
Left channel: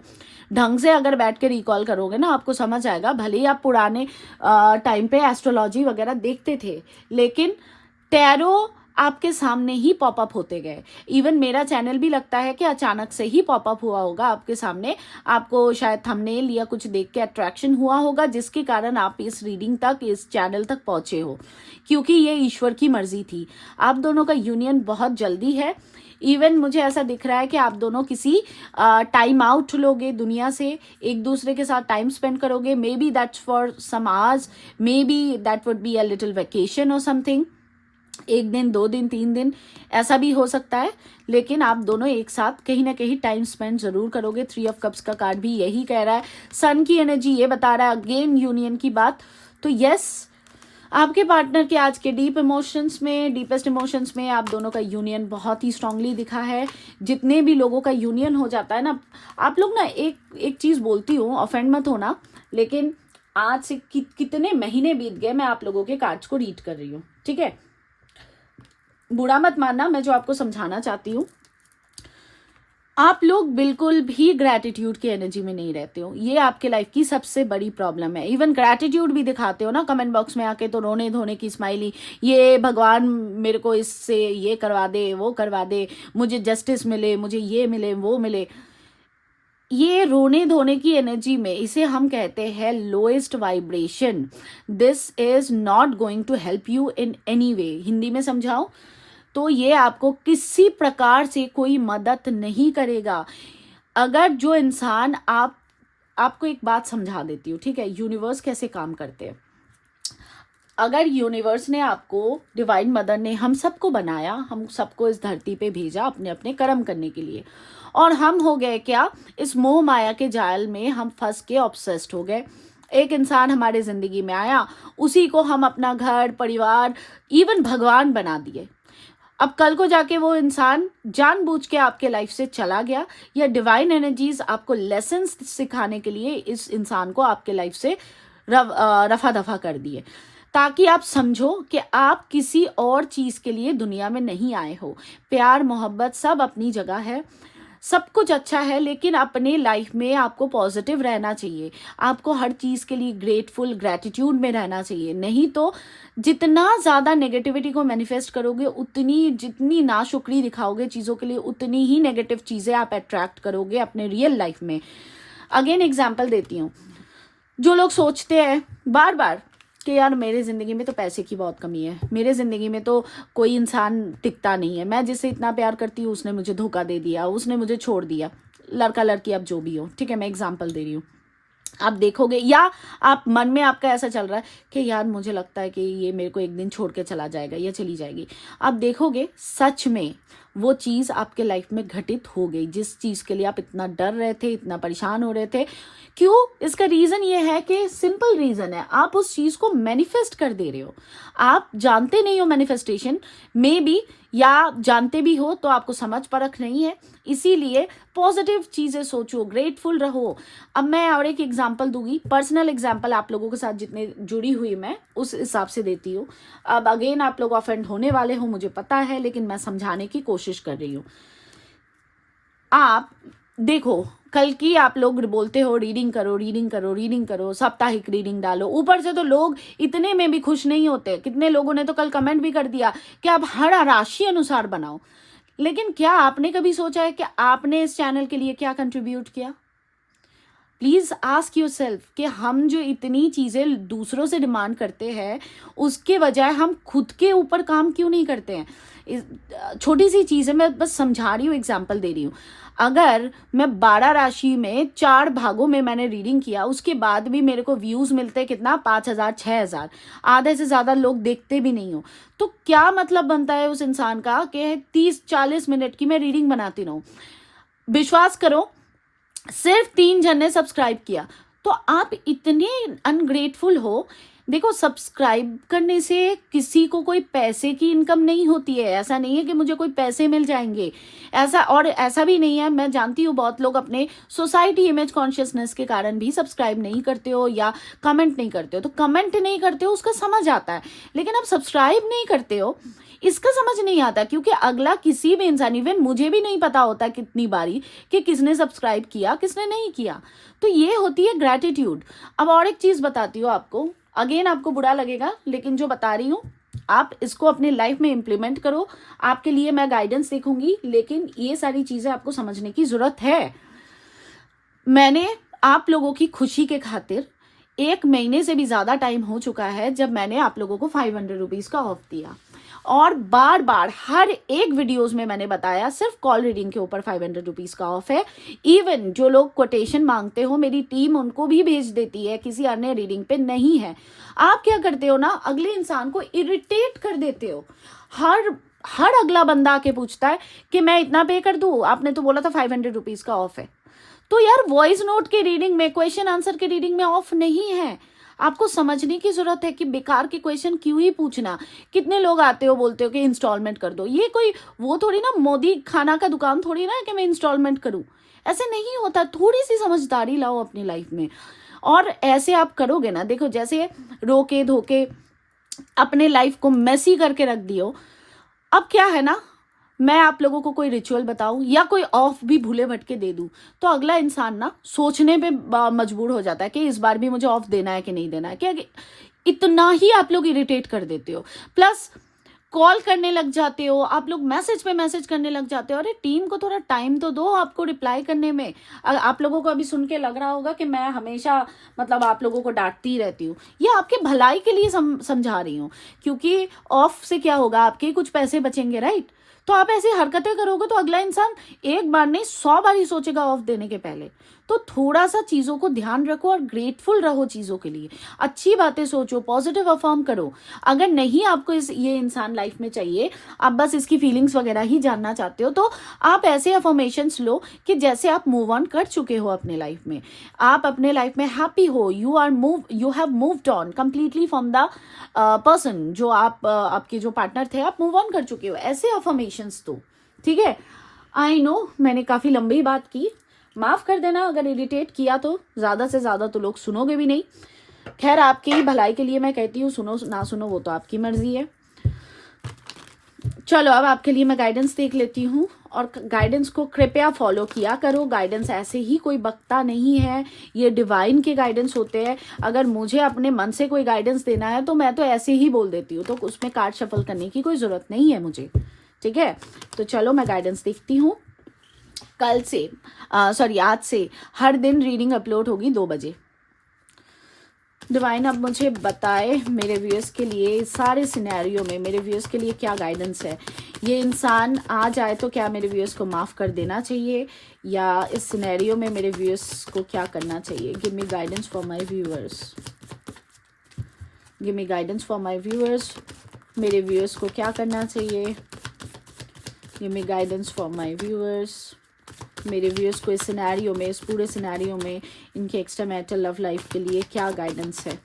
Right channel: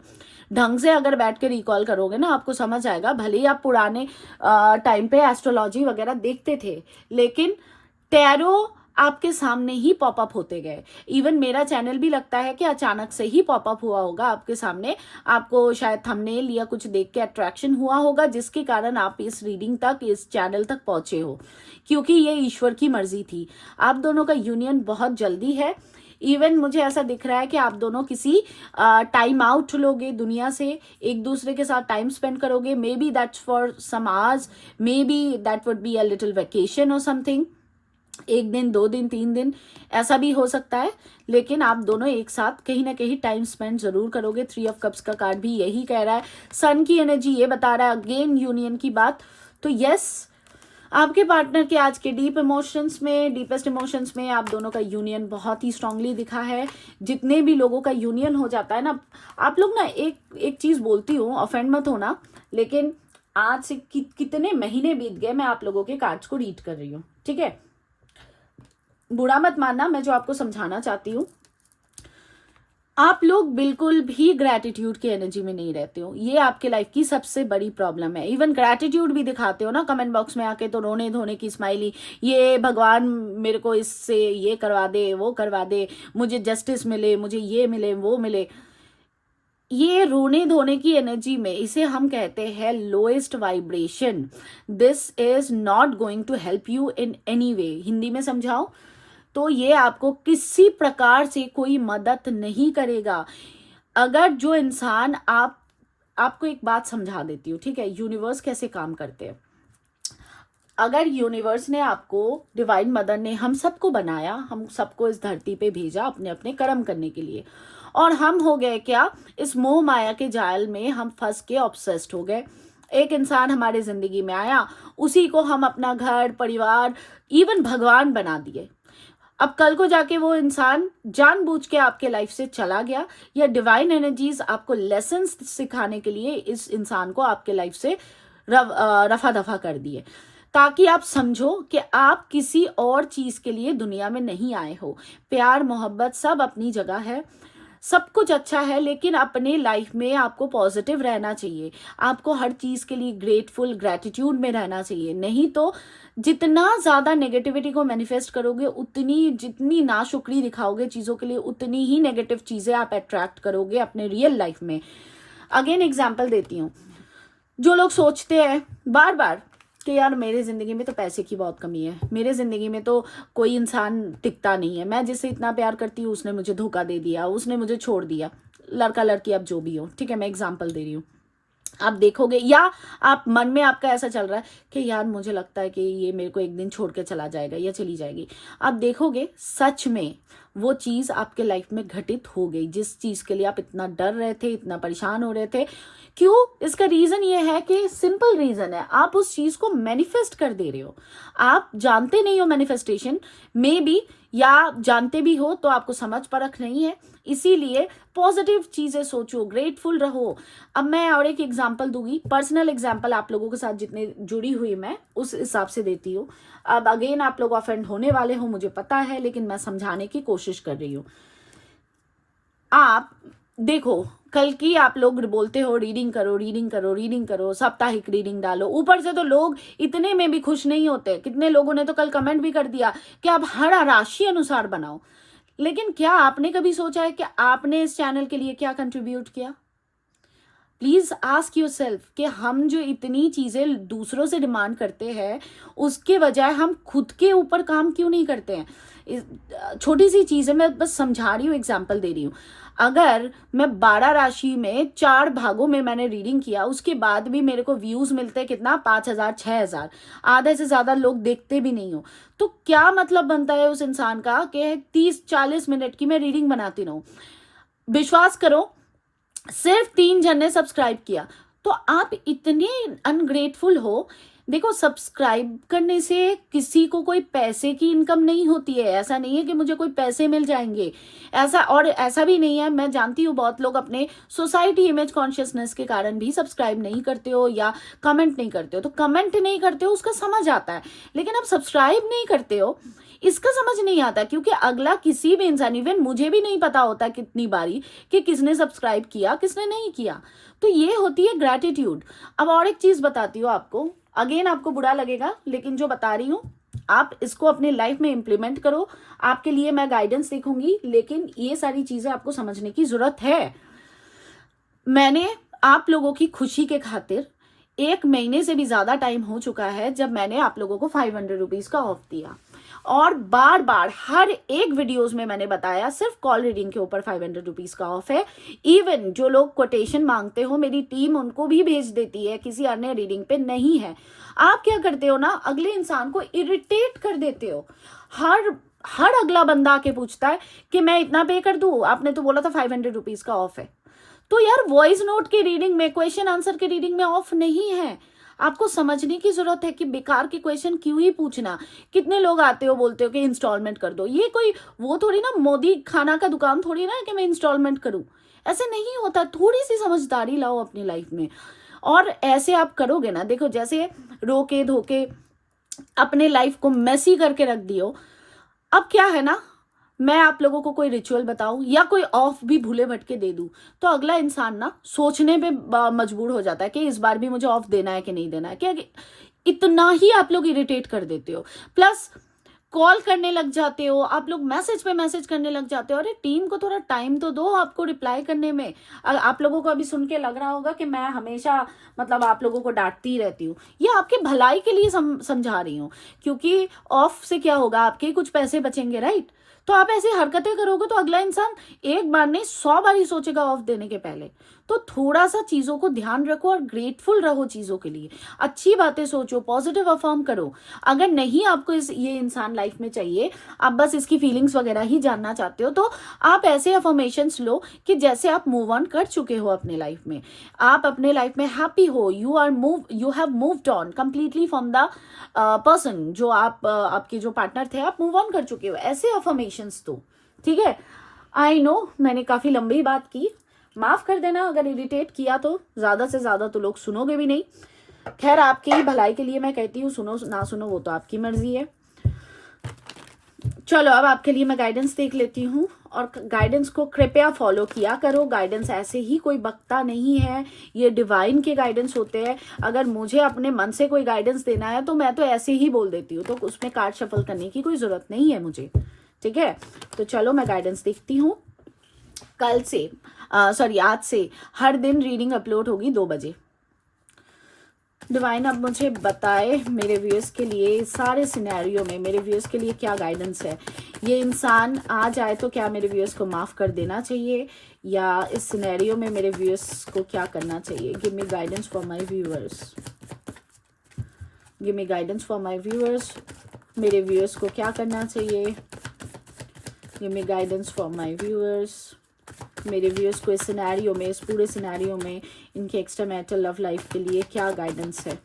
ढंग से अगर बैठ के रिकॉल करोगे ना, आपको समझ आएगा। भले ही आप पुराने टाइम पे एस्ट्रोलॉजी वगैरह देखते थे, लेकिन टैरो आपके सामने ही पॉपअप होते गए। इवन मेरा चैनल भी लगता है कि अचानक से ही पॉपअप हुआ होगा आपके सामने, आपको शायद थंबनेल या कुछ देख के अट्रैक्शन हुआ होगा, जिसके कारण आप इस रीडिंग तक, इस चैनल तक पहुंचे हो, क्योंकि ये ईश्वर की मर्जी थी। आप दोनों का यूनियन बहुत जल्दी है। इवन मुझे ऐसा दिख रहा है कि आप दोनों किसी टाइम आउट लोगे दुनिया से, एक दूसरे के साथ टाइम स्पेंड करोगे। Maybe that's for some hours, maybe that would be a little vacation और समथिंग, 1 दिन, 2 दिन, 3 दिन, ऐसा भी हो सकता है। लेकिन आप दोनों एक साथ कहीं ना कहीं टाइम स्पेंड जरूर करोगे। 3 ऑफ कप्स का कार्ड भी यही कह रहा है। सन की एनर्जी ये बता रहा है, अगेन यूनियन की बात। तो यस, आपके पार्टनर के आज के डीप इमोशंस में, डीपेस्ट इमोशंस में आप दोनों का यूनियन बहुत ही स्ट्रांगली दिखा है। जितने भी लोगों का यूनियन हो जाता है ना, आप लोग ना, एक चीज बोलती हूँ, ऑफेंड मत होना, लेकिन आज से कितने महीने बीत गए मैं आप लोगों के कार्ड्स को रीड कर रही हूँ, ठीक है, बुरा मत मानना, मैं जो आपको समझाना चाहती हूँ। आप लोग बिल्कुल भी ग्रैटिट्यूड की एनर्जी में नहीं रहते हो, ये आपके लाइफ की सबसे बड़ी प्रॉब्लम है। इवन ग्रैटिट्यूड भी दिखाते हो ना कमेंट बॉक्स में आके, तो रोने धोने की स्माइली, ये भगवान मेरे को इससे ये करवा दे, वो करवा दे, मुझे जस्टिस मिले, मुझे ये मिले, वो मिले। ये रोने धोने की एनर्जी में, इसे हम कहते हैं lowest vibration. This is not going to help you in any way. Hindi में समझाओ तो ये आपको किसी प्रकार से कोई मदद नहीं करेगा। अगर जो इंसान, आपको एक बात समझा देती हूँ, ठीक है, यूनिवर्स कैसे काम करते हैं। अगर यूनिवर्स ने आपको, डिवाइन मदर ने हम सबको बनाया, हम सबको इस धरती पे भेजा अपने अपने कर्म करने के लिए, और हम हो गए क्या, इस मोह माया के जाल में हम फंस के ऑब्सेस्ड हो गए। एक इंसान हमारे जिंदगी में आया, उसी को हम अपना घर, परिवार, इवन भगवान बना दिए। अब कल को जाके वो इंसान जानबूझ के आपके लाइफ से चला गया, या डिवाइन एनर्जीज आपको लेसन्स सिखाने के लिए इस इंसान को आपके लाइफ से रफा दफा कर दिए, ताकि आप समझो कि आप किसी और चीज के लिए दुनिया में नहीं आए हो। प्यार, मोहब्बत सब अपनी जगह है, सब कुछ अच्छा है, लेकिन अपने लाइफ में आपको पॉजिटिव रहना चाहिए। आपको हर चीज के लिए ग्रेटफुल, ग्रेटिट्यूड में रहना चाहिए। नहीं तो जितना ज्यादा नेगेटिविटी को मैनिफेस्ट करोगे, उतनी, जितनी नाशुक्री दिखाओगे चीजों के लिए, उतनी ही नेगेटिव चीजें आप अट्रैक्ट करोगे अपने रियल लाइफ में। अगेन एग्जाम्पल देती हूँ, जो लोग सोचते हैं बार बार कि यार मेरे जिंदगी में तो पैसे की बहुत कमी है, मेरे जिंदगी में तो कोई इंसान टिकता नहीं है, मैं जिससे इतना प्यार करती हूँ उसने मुझे धोखा दे दिया, उसने मुझे छोड़ दिया, लड़का लड़की अब जो भी हो, ठीक है, मैं एग्जाम्पल दे रही हूँ। आप देखोगे, या आप मन में आपका ऐसा चल रहा है कि यार मुझे लगता है कि ये मेरे को एक दिन छोड़ के चला जाएगा या चली जाएगी। आप देखोगे सच में वो चीज़ आपके लाइफ में घटित हो गई, जिस चीज़ के लिए आप इतना डर रहे थे, इतना परेशान हो रहे थे। क्यों? इसका रीज़न ये है कि सिंपल रीज़न है, आप उस चीज़ को मैनिफेस्ट कर दे रहे हो। आप जानते नहीं हो मैनिफेस्टेशन में भी, या जानते भी हो तो आपको समझ परख नहीं है। इसीलिए पॉजिटिव चीज़ें सोचो, ग्रेटफुल रहो। अब मैं और एक एग्जांपल दूंगी, पर्सनल एग्जांपल आप लोगों के साथ जितने जुड़ी हुई मैं उस हिसाब से देती हूँ। अब अगेन आप लोग ऑफेंड होने वाले हो मुझे पता है, लेकिन मैं समझाने की कोशिश कर रही हूँ। आप देखो, कल की आप लोग बोलते हो रीडिंग करो, रीडिंग करो, रीडिंग करो, साप्ताहिक रीडिंग डालो। ऊपर से तो लोग इतने में भी खुश नहीं होते। कितने लोगों ने तो कल कमेंट भी कर दिया कि आप हर राशि अनुसार बनाओ। लेकिन क्या आपने कभी सोचा है कि आपने इस चैनल के लिए क्या कंट्रीब्यूट किया? प्लीज आस्क योरसेल्फ कि हम जो इतनी चीजें दूसरों से डिमांड करते हैं, उसके बजाय हम खुद के ऊपर काम क्यों नहीं करते हैं? छोटी सी चीज है, मैं बस समझा रही हूँ, एग्जाम्पल दे रही हूँ। अगर मैं 12 राशि में 4 भागों में मैंने रीडिंग किया, उसके बाद भी मेरे को व्यूज मिलते कितना, 5,000 6,000, आधे से ज्यादा लोग देखते भी नहीं हो, तो क्या मतलब बनता है उस इंसान का कि 30-40 मिनट की मैं रीडिंग बनाती रहूं? विश्वास करो, सिर्फ 3 जन ने सब्सक्राइब किया, तो आप इतने अनग्रेटफुल हो। देखो, सब्सक्राइब करने से किसी को कोई पैसे की इनकम नहीं होती है। ऐसा नहीं है कि मुझे कोई पैसे मिल जाएंगे, ऐसा भी नहीं है। मैं जानती हूँ बहुत लोग अपने सोसाइटी इमेज कॉन्शियसनेस के कारण भी सब्सक्राइब नहीं करते हो या कमेंट नहीं करते हो। तो कमेंट नहीं करते हो उसका समझ आता है, लेकिन आप सब्सक्राइब नहीं करते हो इसका समझ नहीं आता, क्योंकि अगला किसी भी इंसान, इवन मुझे भी नहीं पता होता कितनी बारी कि किसने सब्सक्राइब किया किसने नहीं किया। तो ये होती है ग्रैटिट्यूड। अब और एक चीज बताती हूँ आपको, अगेन आपको बुरा लगेगा, लेकिन जो बता रही हूँ आप इसको अपने लाइफ में इंप्लीमेंट करो। आपके लिए मैं गाइडेंस देखूंगी, लेकिन ये सारी चीजें आपको समझने की जरूरत है। मैंने आप लोगों की खुशी के खातिर 1 महीने से भी ज्यादा टाइम हो चुका है जब मैंने आप लोगों को 500 रुपीज का ऑफ दिया, और बार बार हर एक वीडियोस में मैंने बताया सिर्फ कॉल रीडिंग के ऊपर 500 रुपीज का ऑफ है। इवन जो लोग कोटेशन मांगते हो, मेरी टीम उनको भी भेज देती है, किसी अन्य रीडिंग पे नहीं है। आप क्या करते हो ना, अगले इंसान को इरिटेट कर देते हो। हर अगला बंदा आके पूछता है कि मैं इतना पे कर दूं, आपने तो बोला था 500 रुपीज का ऑफ है। तो यार, वॉइस नोट की रीडिंग में, क्वेश्चन आंसर की रीडिंग में ऑफ नहीं है। आपको समझने की जरूरत है कि बेकार के क्वेश्चन क्यों ही पूछना। कितने लोग आते हो बोलते हो कि इंस्टॉलमेंट कर दो, ये कोई वो थोड़ी ना, मोदी खाना का दुकान थोड़ी ना कि मैं इंस्टॉलमेंट करूं। ऐसे नहीं होता। थोड़ी सी समझदारी लाओ अपनी लाइफ में, और ऐसे आप करोगे ना, देखो जैसे रोके धोके अपने लाइफ को मेसी करके रख दियो। अब क्या है ना, मैं आप लोगों को कोई रिचुअल बताऊं या कोई ऑफ भी भूले भटके दे दूं, तो अगला इंसान ना सोचने पे मजबूर हो जाता है कि इस बार भी मुझे ऑफ देना है कि नहीं देना है। क्या इतना ही आप लोग इरिटेट कर देते हो। प्लस कॉल करने लग जाते हो, आप लोग मैसेज पे मैसेज करने लग जाते हो। अरे टीम को थोड़ा टाइम तो दो आपको रिप्लाई करने में। आप लोगों को अभी सुन के लग रहा होगा कि मैं हमेशा मतलब आप लोगों को डांटती रहती हूँ, ये आपके भलाई के लिए समझा रही हूँ। क्योंकि ऑफ से क्या होगा, आपके कुछ पैसे बचेंगे, राइट? तो आप ऐसी हरकतें करोगे तो अगला इंसान एक बार नहीं 100 बार ही सोचेगा ऑफ देने के पहले। तो थोड़ा सा चीजों को ध्यान रखो और ग्रेटफुल रहो चीजों के लिए। अच्छी बातें सोचो, पॉजिटिव अफर्म करो। अगर नहीं आपको ये इंसान लाइफ में चाहिए, आप बस इसकी फीलिंग्स वगैरह ही जानना चाहते हो, तो आप ऐसे अफर्मेशंस लो कि जैसे आप मूव ऑन कर चुके हो अपने लाइफ में, आप अपने लाइफ में हैप्पी हो, you have moved on completely from the person जो आपके जो पार्टनर थे, आप मूव ऑन कर चुके हो। ऐसे अफर्मेशंस दो, ठीक है? आई नो मैंने काफी लंबी बात की, माफ कर देना अगर इरिटेट किया तो। ज्यादा से ज्यादा तो लोग सुनोगे भी नहीं। खैर, आपकी ही भलाई के लिए मैं कहती हूँ, सुनो ना सुनो वो तो आपकी मर्जी है। चलो, अब आपके लिए मैं गाइडेंस देख लेती हूँ, और गाइडेंस को कृपया फॉलो किया करो। गाइडेंस ऐसे ही कोई बकता नहीं है, ये डिवाइन के गाइडेंस होते हैं। अगर मुझे अपने मन से कोई गाइडेंस देना है तो मैं तो ऐसे ही बोल देती हूँ, तो उसमें कार्ड शफल करने की कोई जरूरत नहीं है मुझे, ठीक है? तो चलो मैं गाइडेंस देखती हूँ। कल से आज से हर दिन रीडिंग अपलोड होगी 2 बजे। डिवाइन अब मुझे बताए मेरे व्यूअर्स के लिए सारे सिनेरियो में मेरे व्यूअर्स के लिए क्या गाइडेंस है। ये इंसान आ जाए तो क्या मेरे व्यूअर्स को माफ कर देना चाहिए, या इस सिनेरियो में मेरे व्यूअर्स को क्या करना चाहिए? Give me guidance for my viewers, give me guidance for my viewers. मेरे व्यूअर्स को क्या करना चाहिए? ये मैं गाइडेंस फॉर माय व्यूअर्स, मेरे व्यूअर्स को इस सिनेरियो में, इस पूरे सिनेरियो में इनके एक्स्ट्रा मैरिटल लव लाइफ के लिए क्या गाइडेंस है।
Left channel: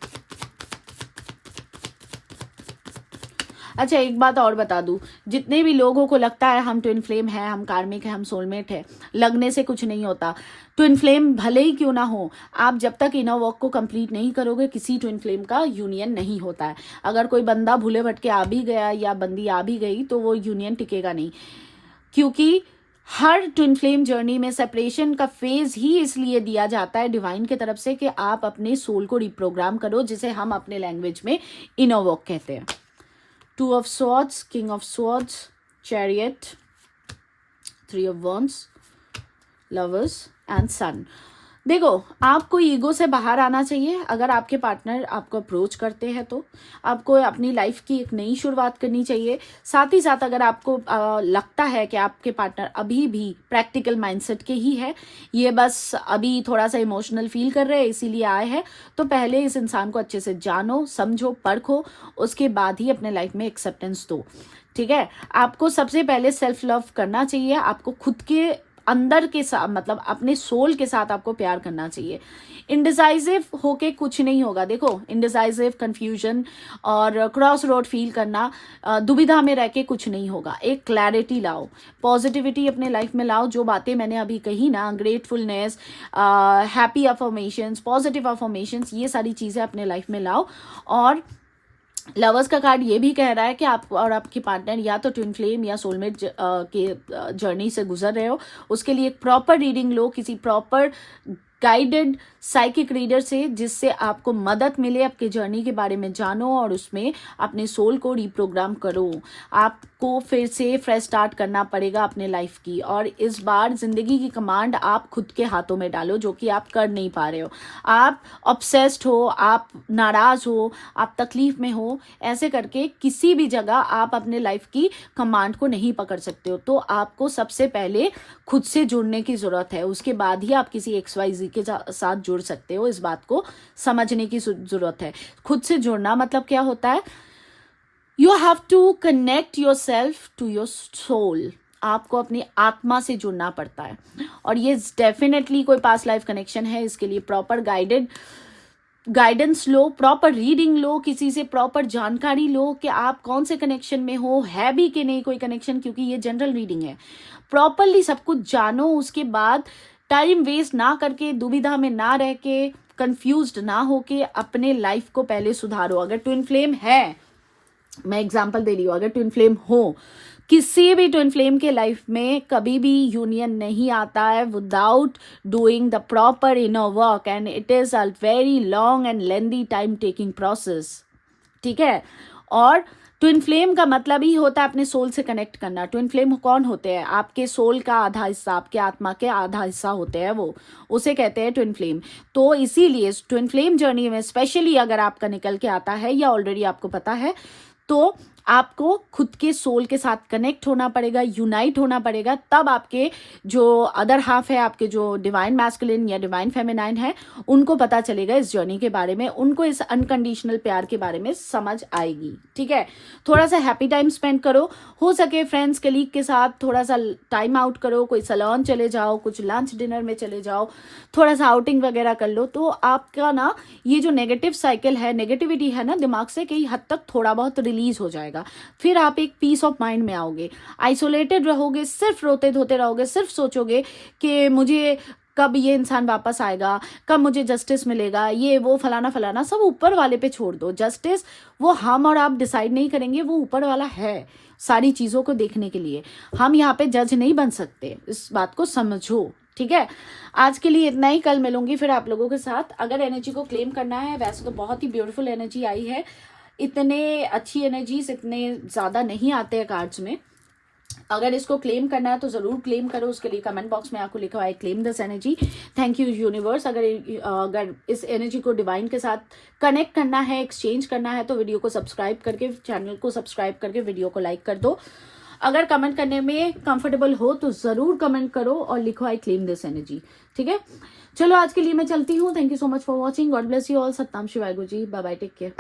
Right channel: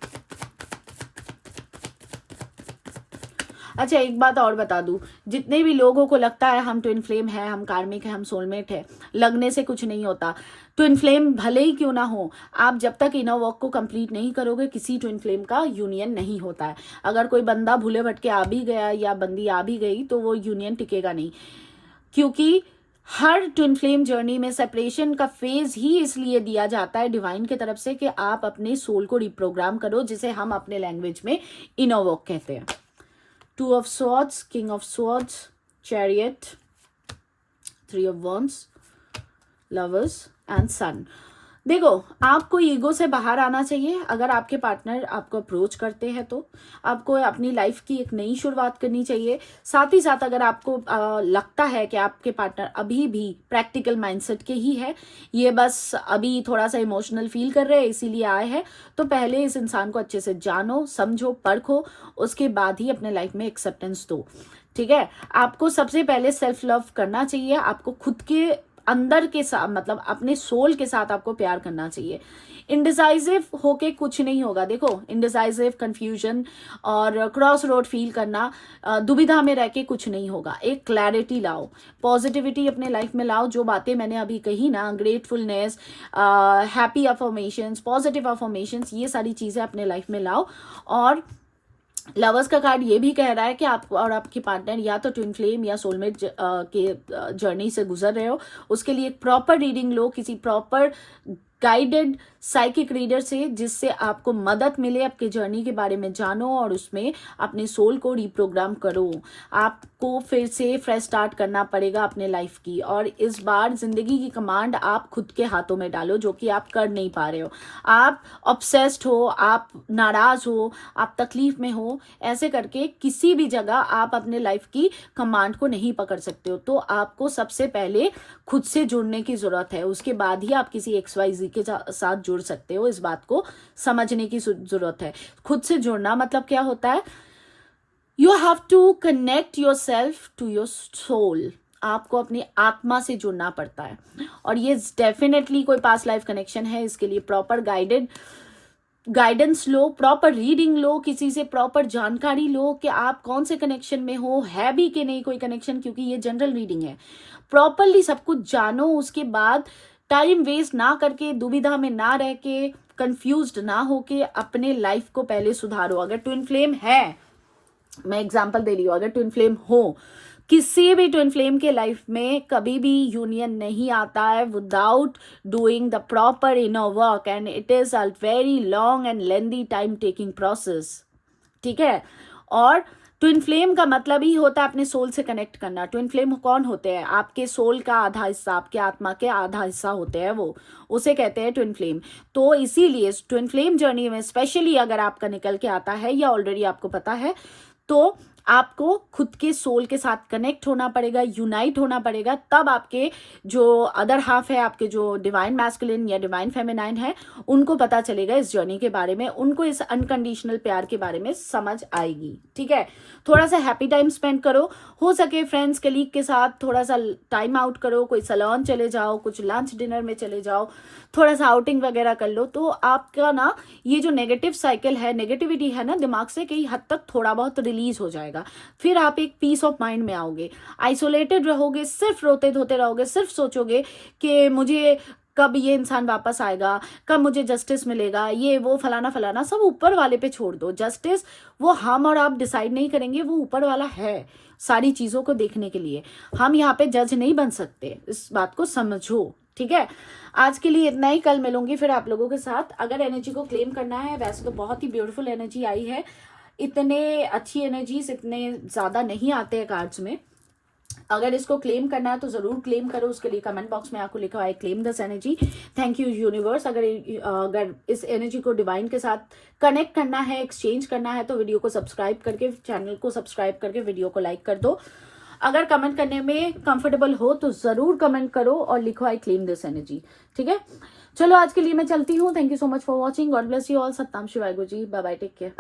अच्छा, एक बात और बता दूं, जितने भी लोगों को लगता है हम ट्विन फ्लेम है, हम कार्मिक है, हम सोलमेट है, लगने से कुछ नहीं होता। ट्विन फ्लेम भले ही क्यों ना हो, आप जब तक इनर वर्क को कंप्लीट नहीं करोगे, किसी ट्विन फ्लेम का यूनियन नहीं होता है। अगर कोई बंदा भूले भटके आ भी गया या बंदी आ भी गई तो वो यूनियन टिकेगा नहीं, क्योंकि हर ट्विन फ्लेम जर्नी में सेपरेशन का फेज ही इसलिए दिया जाता है डिवाइन की तरफ से कि आप अपने सोल को रिप्रोग्राम करो, जिसे हम अपने लैंग्वेज में इनर वर्क कहते हैं। Two of Swords, King of Swords, Chariot, Three of Wands, Lovers and Sun। देखो, आपको ईगो से बाहर आना चाहिए। अगर आपके पार्टनर आपको अप्रोच करते हैं तो आपको अपनी लाइफ की एक नई शुरुआत करनी चाहिए। साथ ही साथ अगर आपको लगता है कि आपके पार्टनर अभी भी प्रैक्टिकल माइंडसेट के ही है, ये बस अभी थोड़ा सा इमोशनल फील कर रहे हैं इसीलिए आए हैं, तो पहले इस इंसान को अच्छे से जानो, समझो, परखो, उसके बाद ही अपने लाइफ में एक्सेप्टेंस दो। ठीक है, आपको सबसे पहले सेल्फ लव करना चाहिए। आपको खुद के अंदर के साथ, मतलब अपने सोल के साथ आपको प्यार करना चाहिए। इंडिसाइसिव होके कुछ नहीं होगा। देखो, इंडिसाइसिव, कंफ्यूजन और क्रॉस रोड फील करना, दुविधा में रह के कुछ नहीं होगा। एक क्लैरिटी लाओ, पॉजिटिविटी अपने लाइफ में लाओ। जो बातें मैंने अभी कही ना, gratefulness, happy affirmations, positive affirmations, ये सारी चीजें अपने लाइफ में लाओ। और लवर्स का कार्ड ये भी कह रहा है कि आप और आपके पार्टनर या तो ट्विन फ्लेम या सोलमेट के जर्नी से गुजर रहे हो। उसके लिए एक प्रॉपर रीडिंग लो, किसी प्रॉपर गाइडेड साइकिक रीडर से, जिससे आपको मदद मिले। आपके जर्नी के बारे में जानो और उसमें अपने सोल को रिप्रोग्राम करो। आपको फिर से फ्रेश स्टार्ट करना पड़ेगा अपने लाइफ की, और इस बार जिंदगी की कमांड आप खुद के हाथों में डालो, जो कि आप कर नहीं पा रहे हो। आप ऑब्सेस्ड हो, आप नाराज हो, आप तकलीफ में हो, ऐसे करके किसी भी जगह आप अपने लाइफ की कमांड को नहीं पकड़ सकते हो। तो आपको सबसे पहले खुद से जुड़ने की जरूरत है, उसके बाद ही आप किसी XYZ के साथ जुड़ सकते हो। इस बात को समझने की जरूरत है। खुद से जुड़ना मतलब क्या होता है? You have to connect yourself to your soul. आपको अपनी आत्मा से जुड़ना पड़ता है, और ये डेफिनेटली कोई पास्ट लाइफ कनेक्शन है। इसके लिए प्रॉपर गाइडेंस लो, प्रॉपर रीडिंग लो, किसी से प्रॉपर जानकारी लो कि आप कौन से कनेक्शन में हो, है भी कि नहीं कोई कनेक्शन, क्योंकि ये जनरल रीडिंग है। प्रॉपरली सब कुछ जानो, उसके बाद टाइम वेस्ट ना करके, दुविधा में ना रह के, कंफ्यूज्ड ना होके अपने लाइफ को पहले सुधारो। अगर ट्विन फ्लेम है, मैं एग्जांपल दे रही हूँ, अगर ट्विन फ्लेम हो, किसी भी ट्विन फ्लेम के लाइफ में कभी भी यूनियन नहीं आता है without doing the proper inner work, and it is a very long and lengthy time taking process. ठीक है, और ट्विन फ्लेम का मतलब ही होता है अपने सोल से कनेक्ट करना। ट्विन फ्लेम कौन होते हैं? आपके सोल का आधा हिस्सा, आपके आत्मा के आधा हिस्सा होते हैं, वो उसे कहते हैं ट्विन फ्लेम। तो इसीलिए ट्विन फ्लेम जर्नी में स्पेशली अगर आपका निकल के आता है या ऑलरेडी आपको पता है, तो आपको खुद के सोल के साथ कनेक्ट होना पड़ेगा, यूनाइट होना पड़ेगा। तब आपके जो अदर हाफ है, आपके जो डिवाइन मैस्कुलिन या डिवाइन फेमिनाइन है, उनको पता चलेगा इस जर्नी के बारे में, उनको इस अनकंडीशनल प्यार के बारे में समझ आएगी। ठीक है, थोड़ा सा हैप्पी टाइम स्पेंड करो, हो सके फ्रेंड्स कलीग के साथ थोड़ा सा टाइम आउट करो, कोई सैलून चले जाओ, कुछ लंच डिनर में चले जाओ, थोड़ा सा आउटिंग वगैरह कर लो। तो आपका ना ये जो नेगेटिव साइकिल है, नेगेटिविटी है ना, दिमाग से कई हद तक थोड़ा बहुत रिलीज हो जाएगा। फिर आप एक पीस ऑफ माइंड में आओगे। आइसोलेटेड रहोगे, सिर्फ रोते धोते रहोगे, सिर्फ सोचोगे कि मुझे कब ये इंसान वापस आएगा, कब मुझे जस्टिस मिलेगा, ये वो फलाना फलाना, सब ऊपर वाले पे छोड़ दो। जस्टिस वो हम और आप डिसाइड नहीं करेंगे, वो ऊपर वाला है सारी चीजों को देखने के लिए। हम यहाँ पे जज नहीं बन सकते, इस बात को समझो। ठीक है, आज के लिए इतना ही। कल मिलूंगी फिर आप लोगों के साथ। अगर एनर्जी को क्लेम करना है, वैसे तो बहुत ही ब्यूटीफुल एनर्जी आई है, इतने अच्छी एनर्जीज इतने ज्यादा नहीं आते हैं कार्ड्स में। अगर इसको क्लेम करना है तो जरूर क्लेम करो। उसके लिए कमेंट बॉक्स में आपको लिखा हुआ है claim this energy. Thank you universe. अगर इस एनर्जी को डिवाइन के साथ कनेक्ट करना है, एक्सचेंज करना है, तो वीडियो को सब्सक्राइब करके, चैनल को सब्सक्राइब करके वीडियो को लाइक कर दो। अगर कमेंट करने में कंफर्टेबल हो तो जरूर कमेंट करो और लिखो आई क्लेम दिस एनर्जी। ठीक है, चलो आज के लिए मैं चलती हूँ। Thank you so much for watching. God bless you all. सत्ताम शिवाय Guru ji. Bye bye, take care.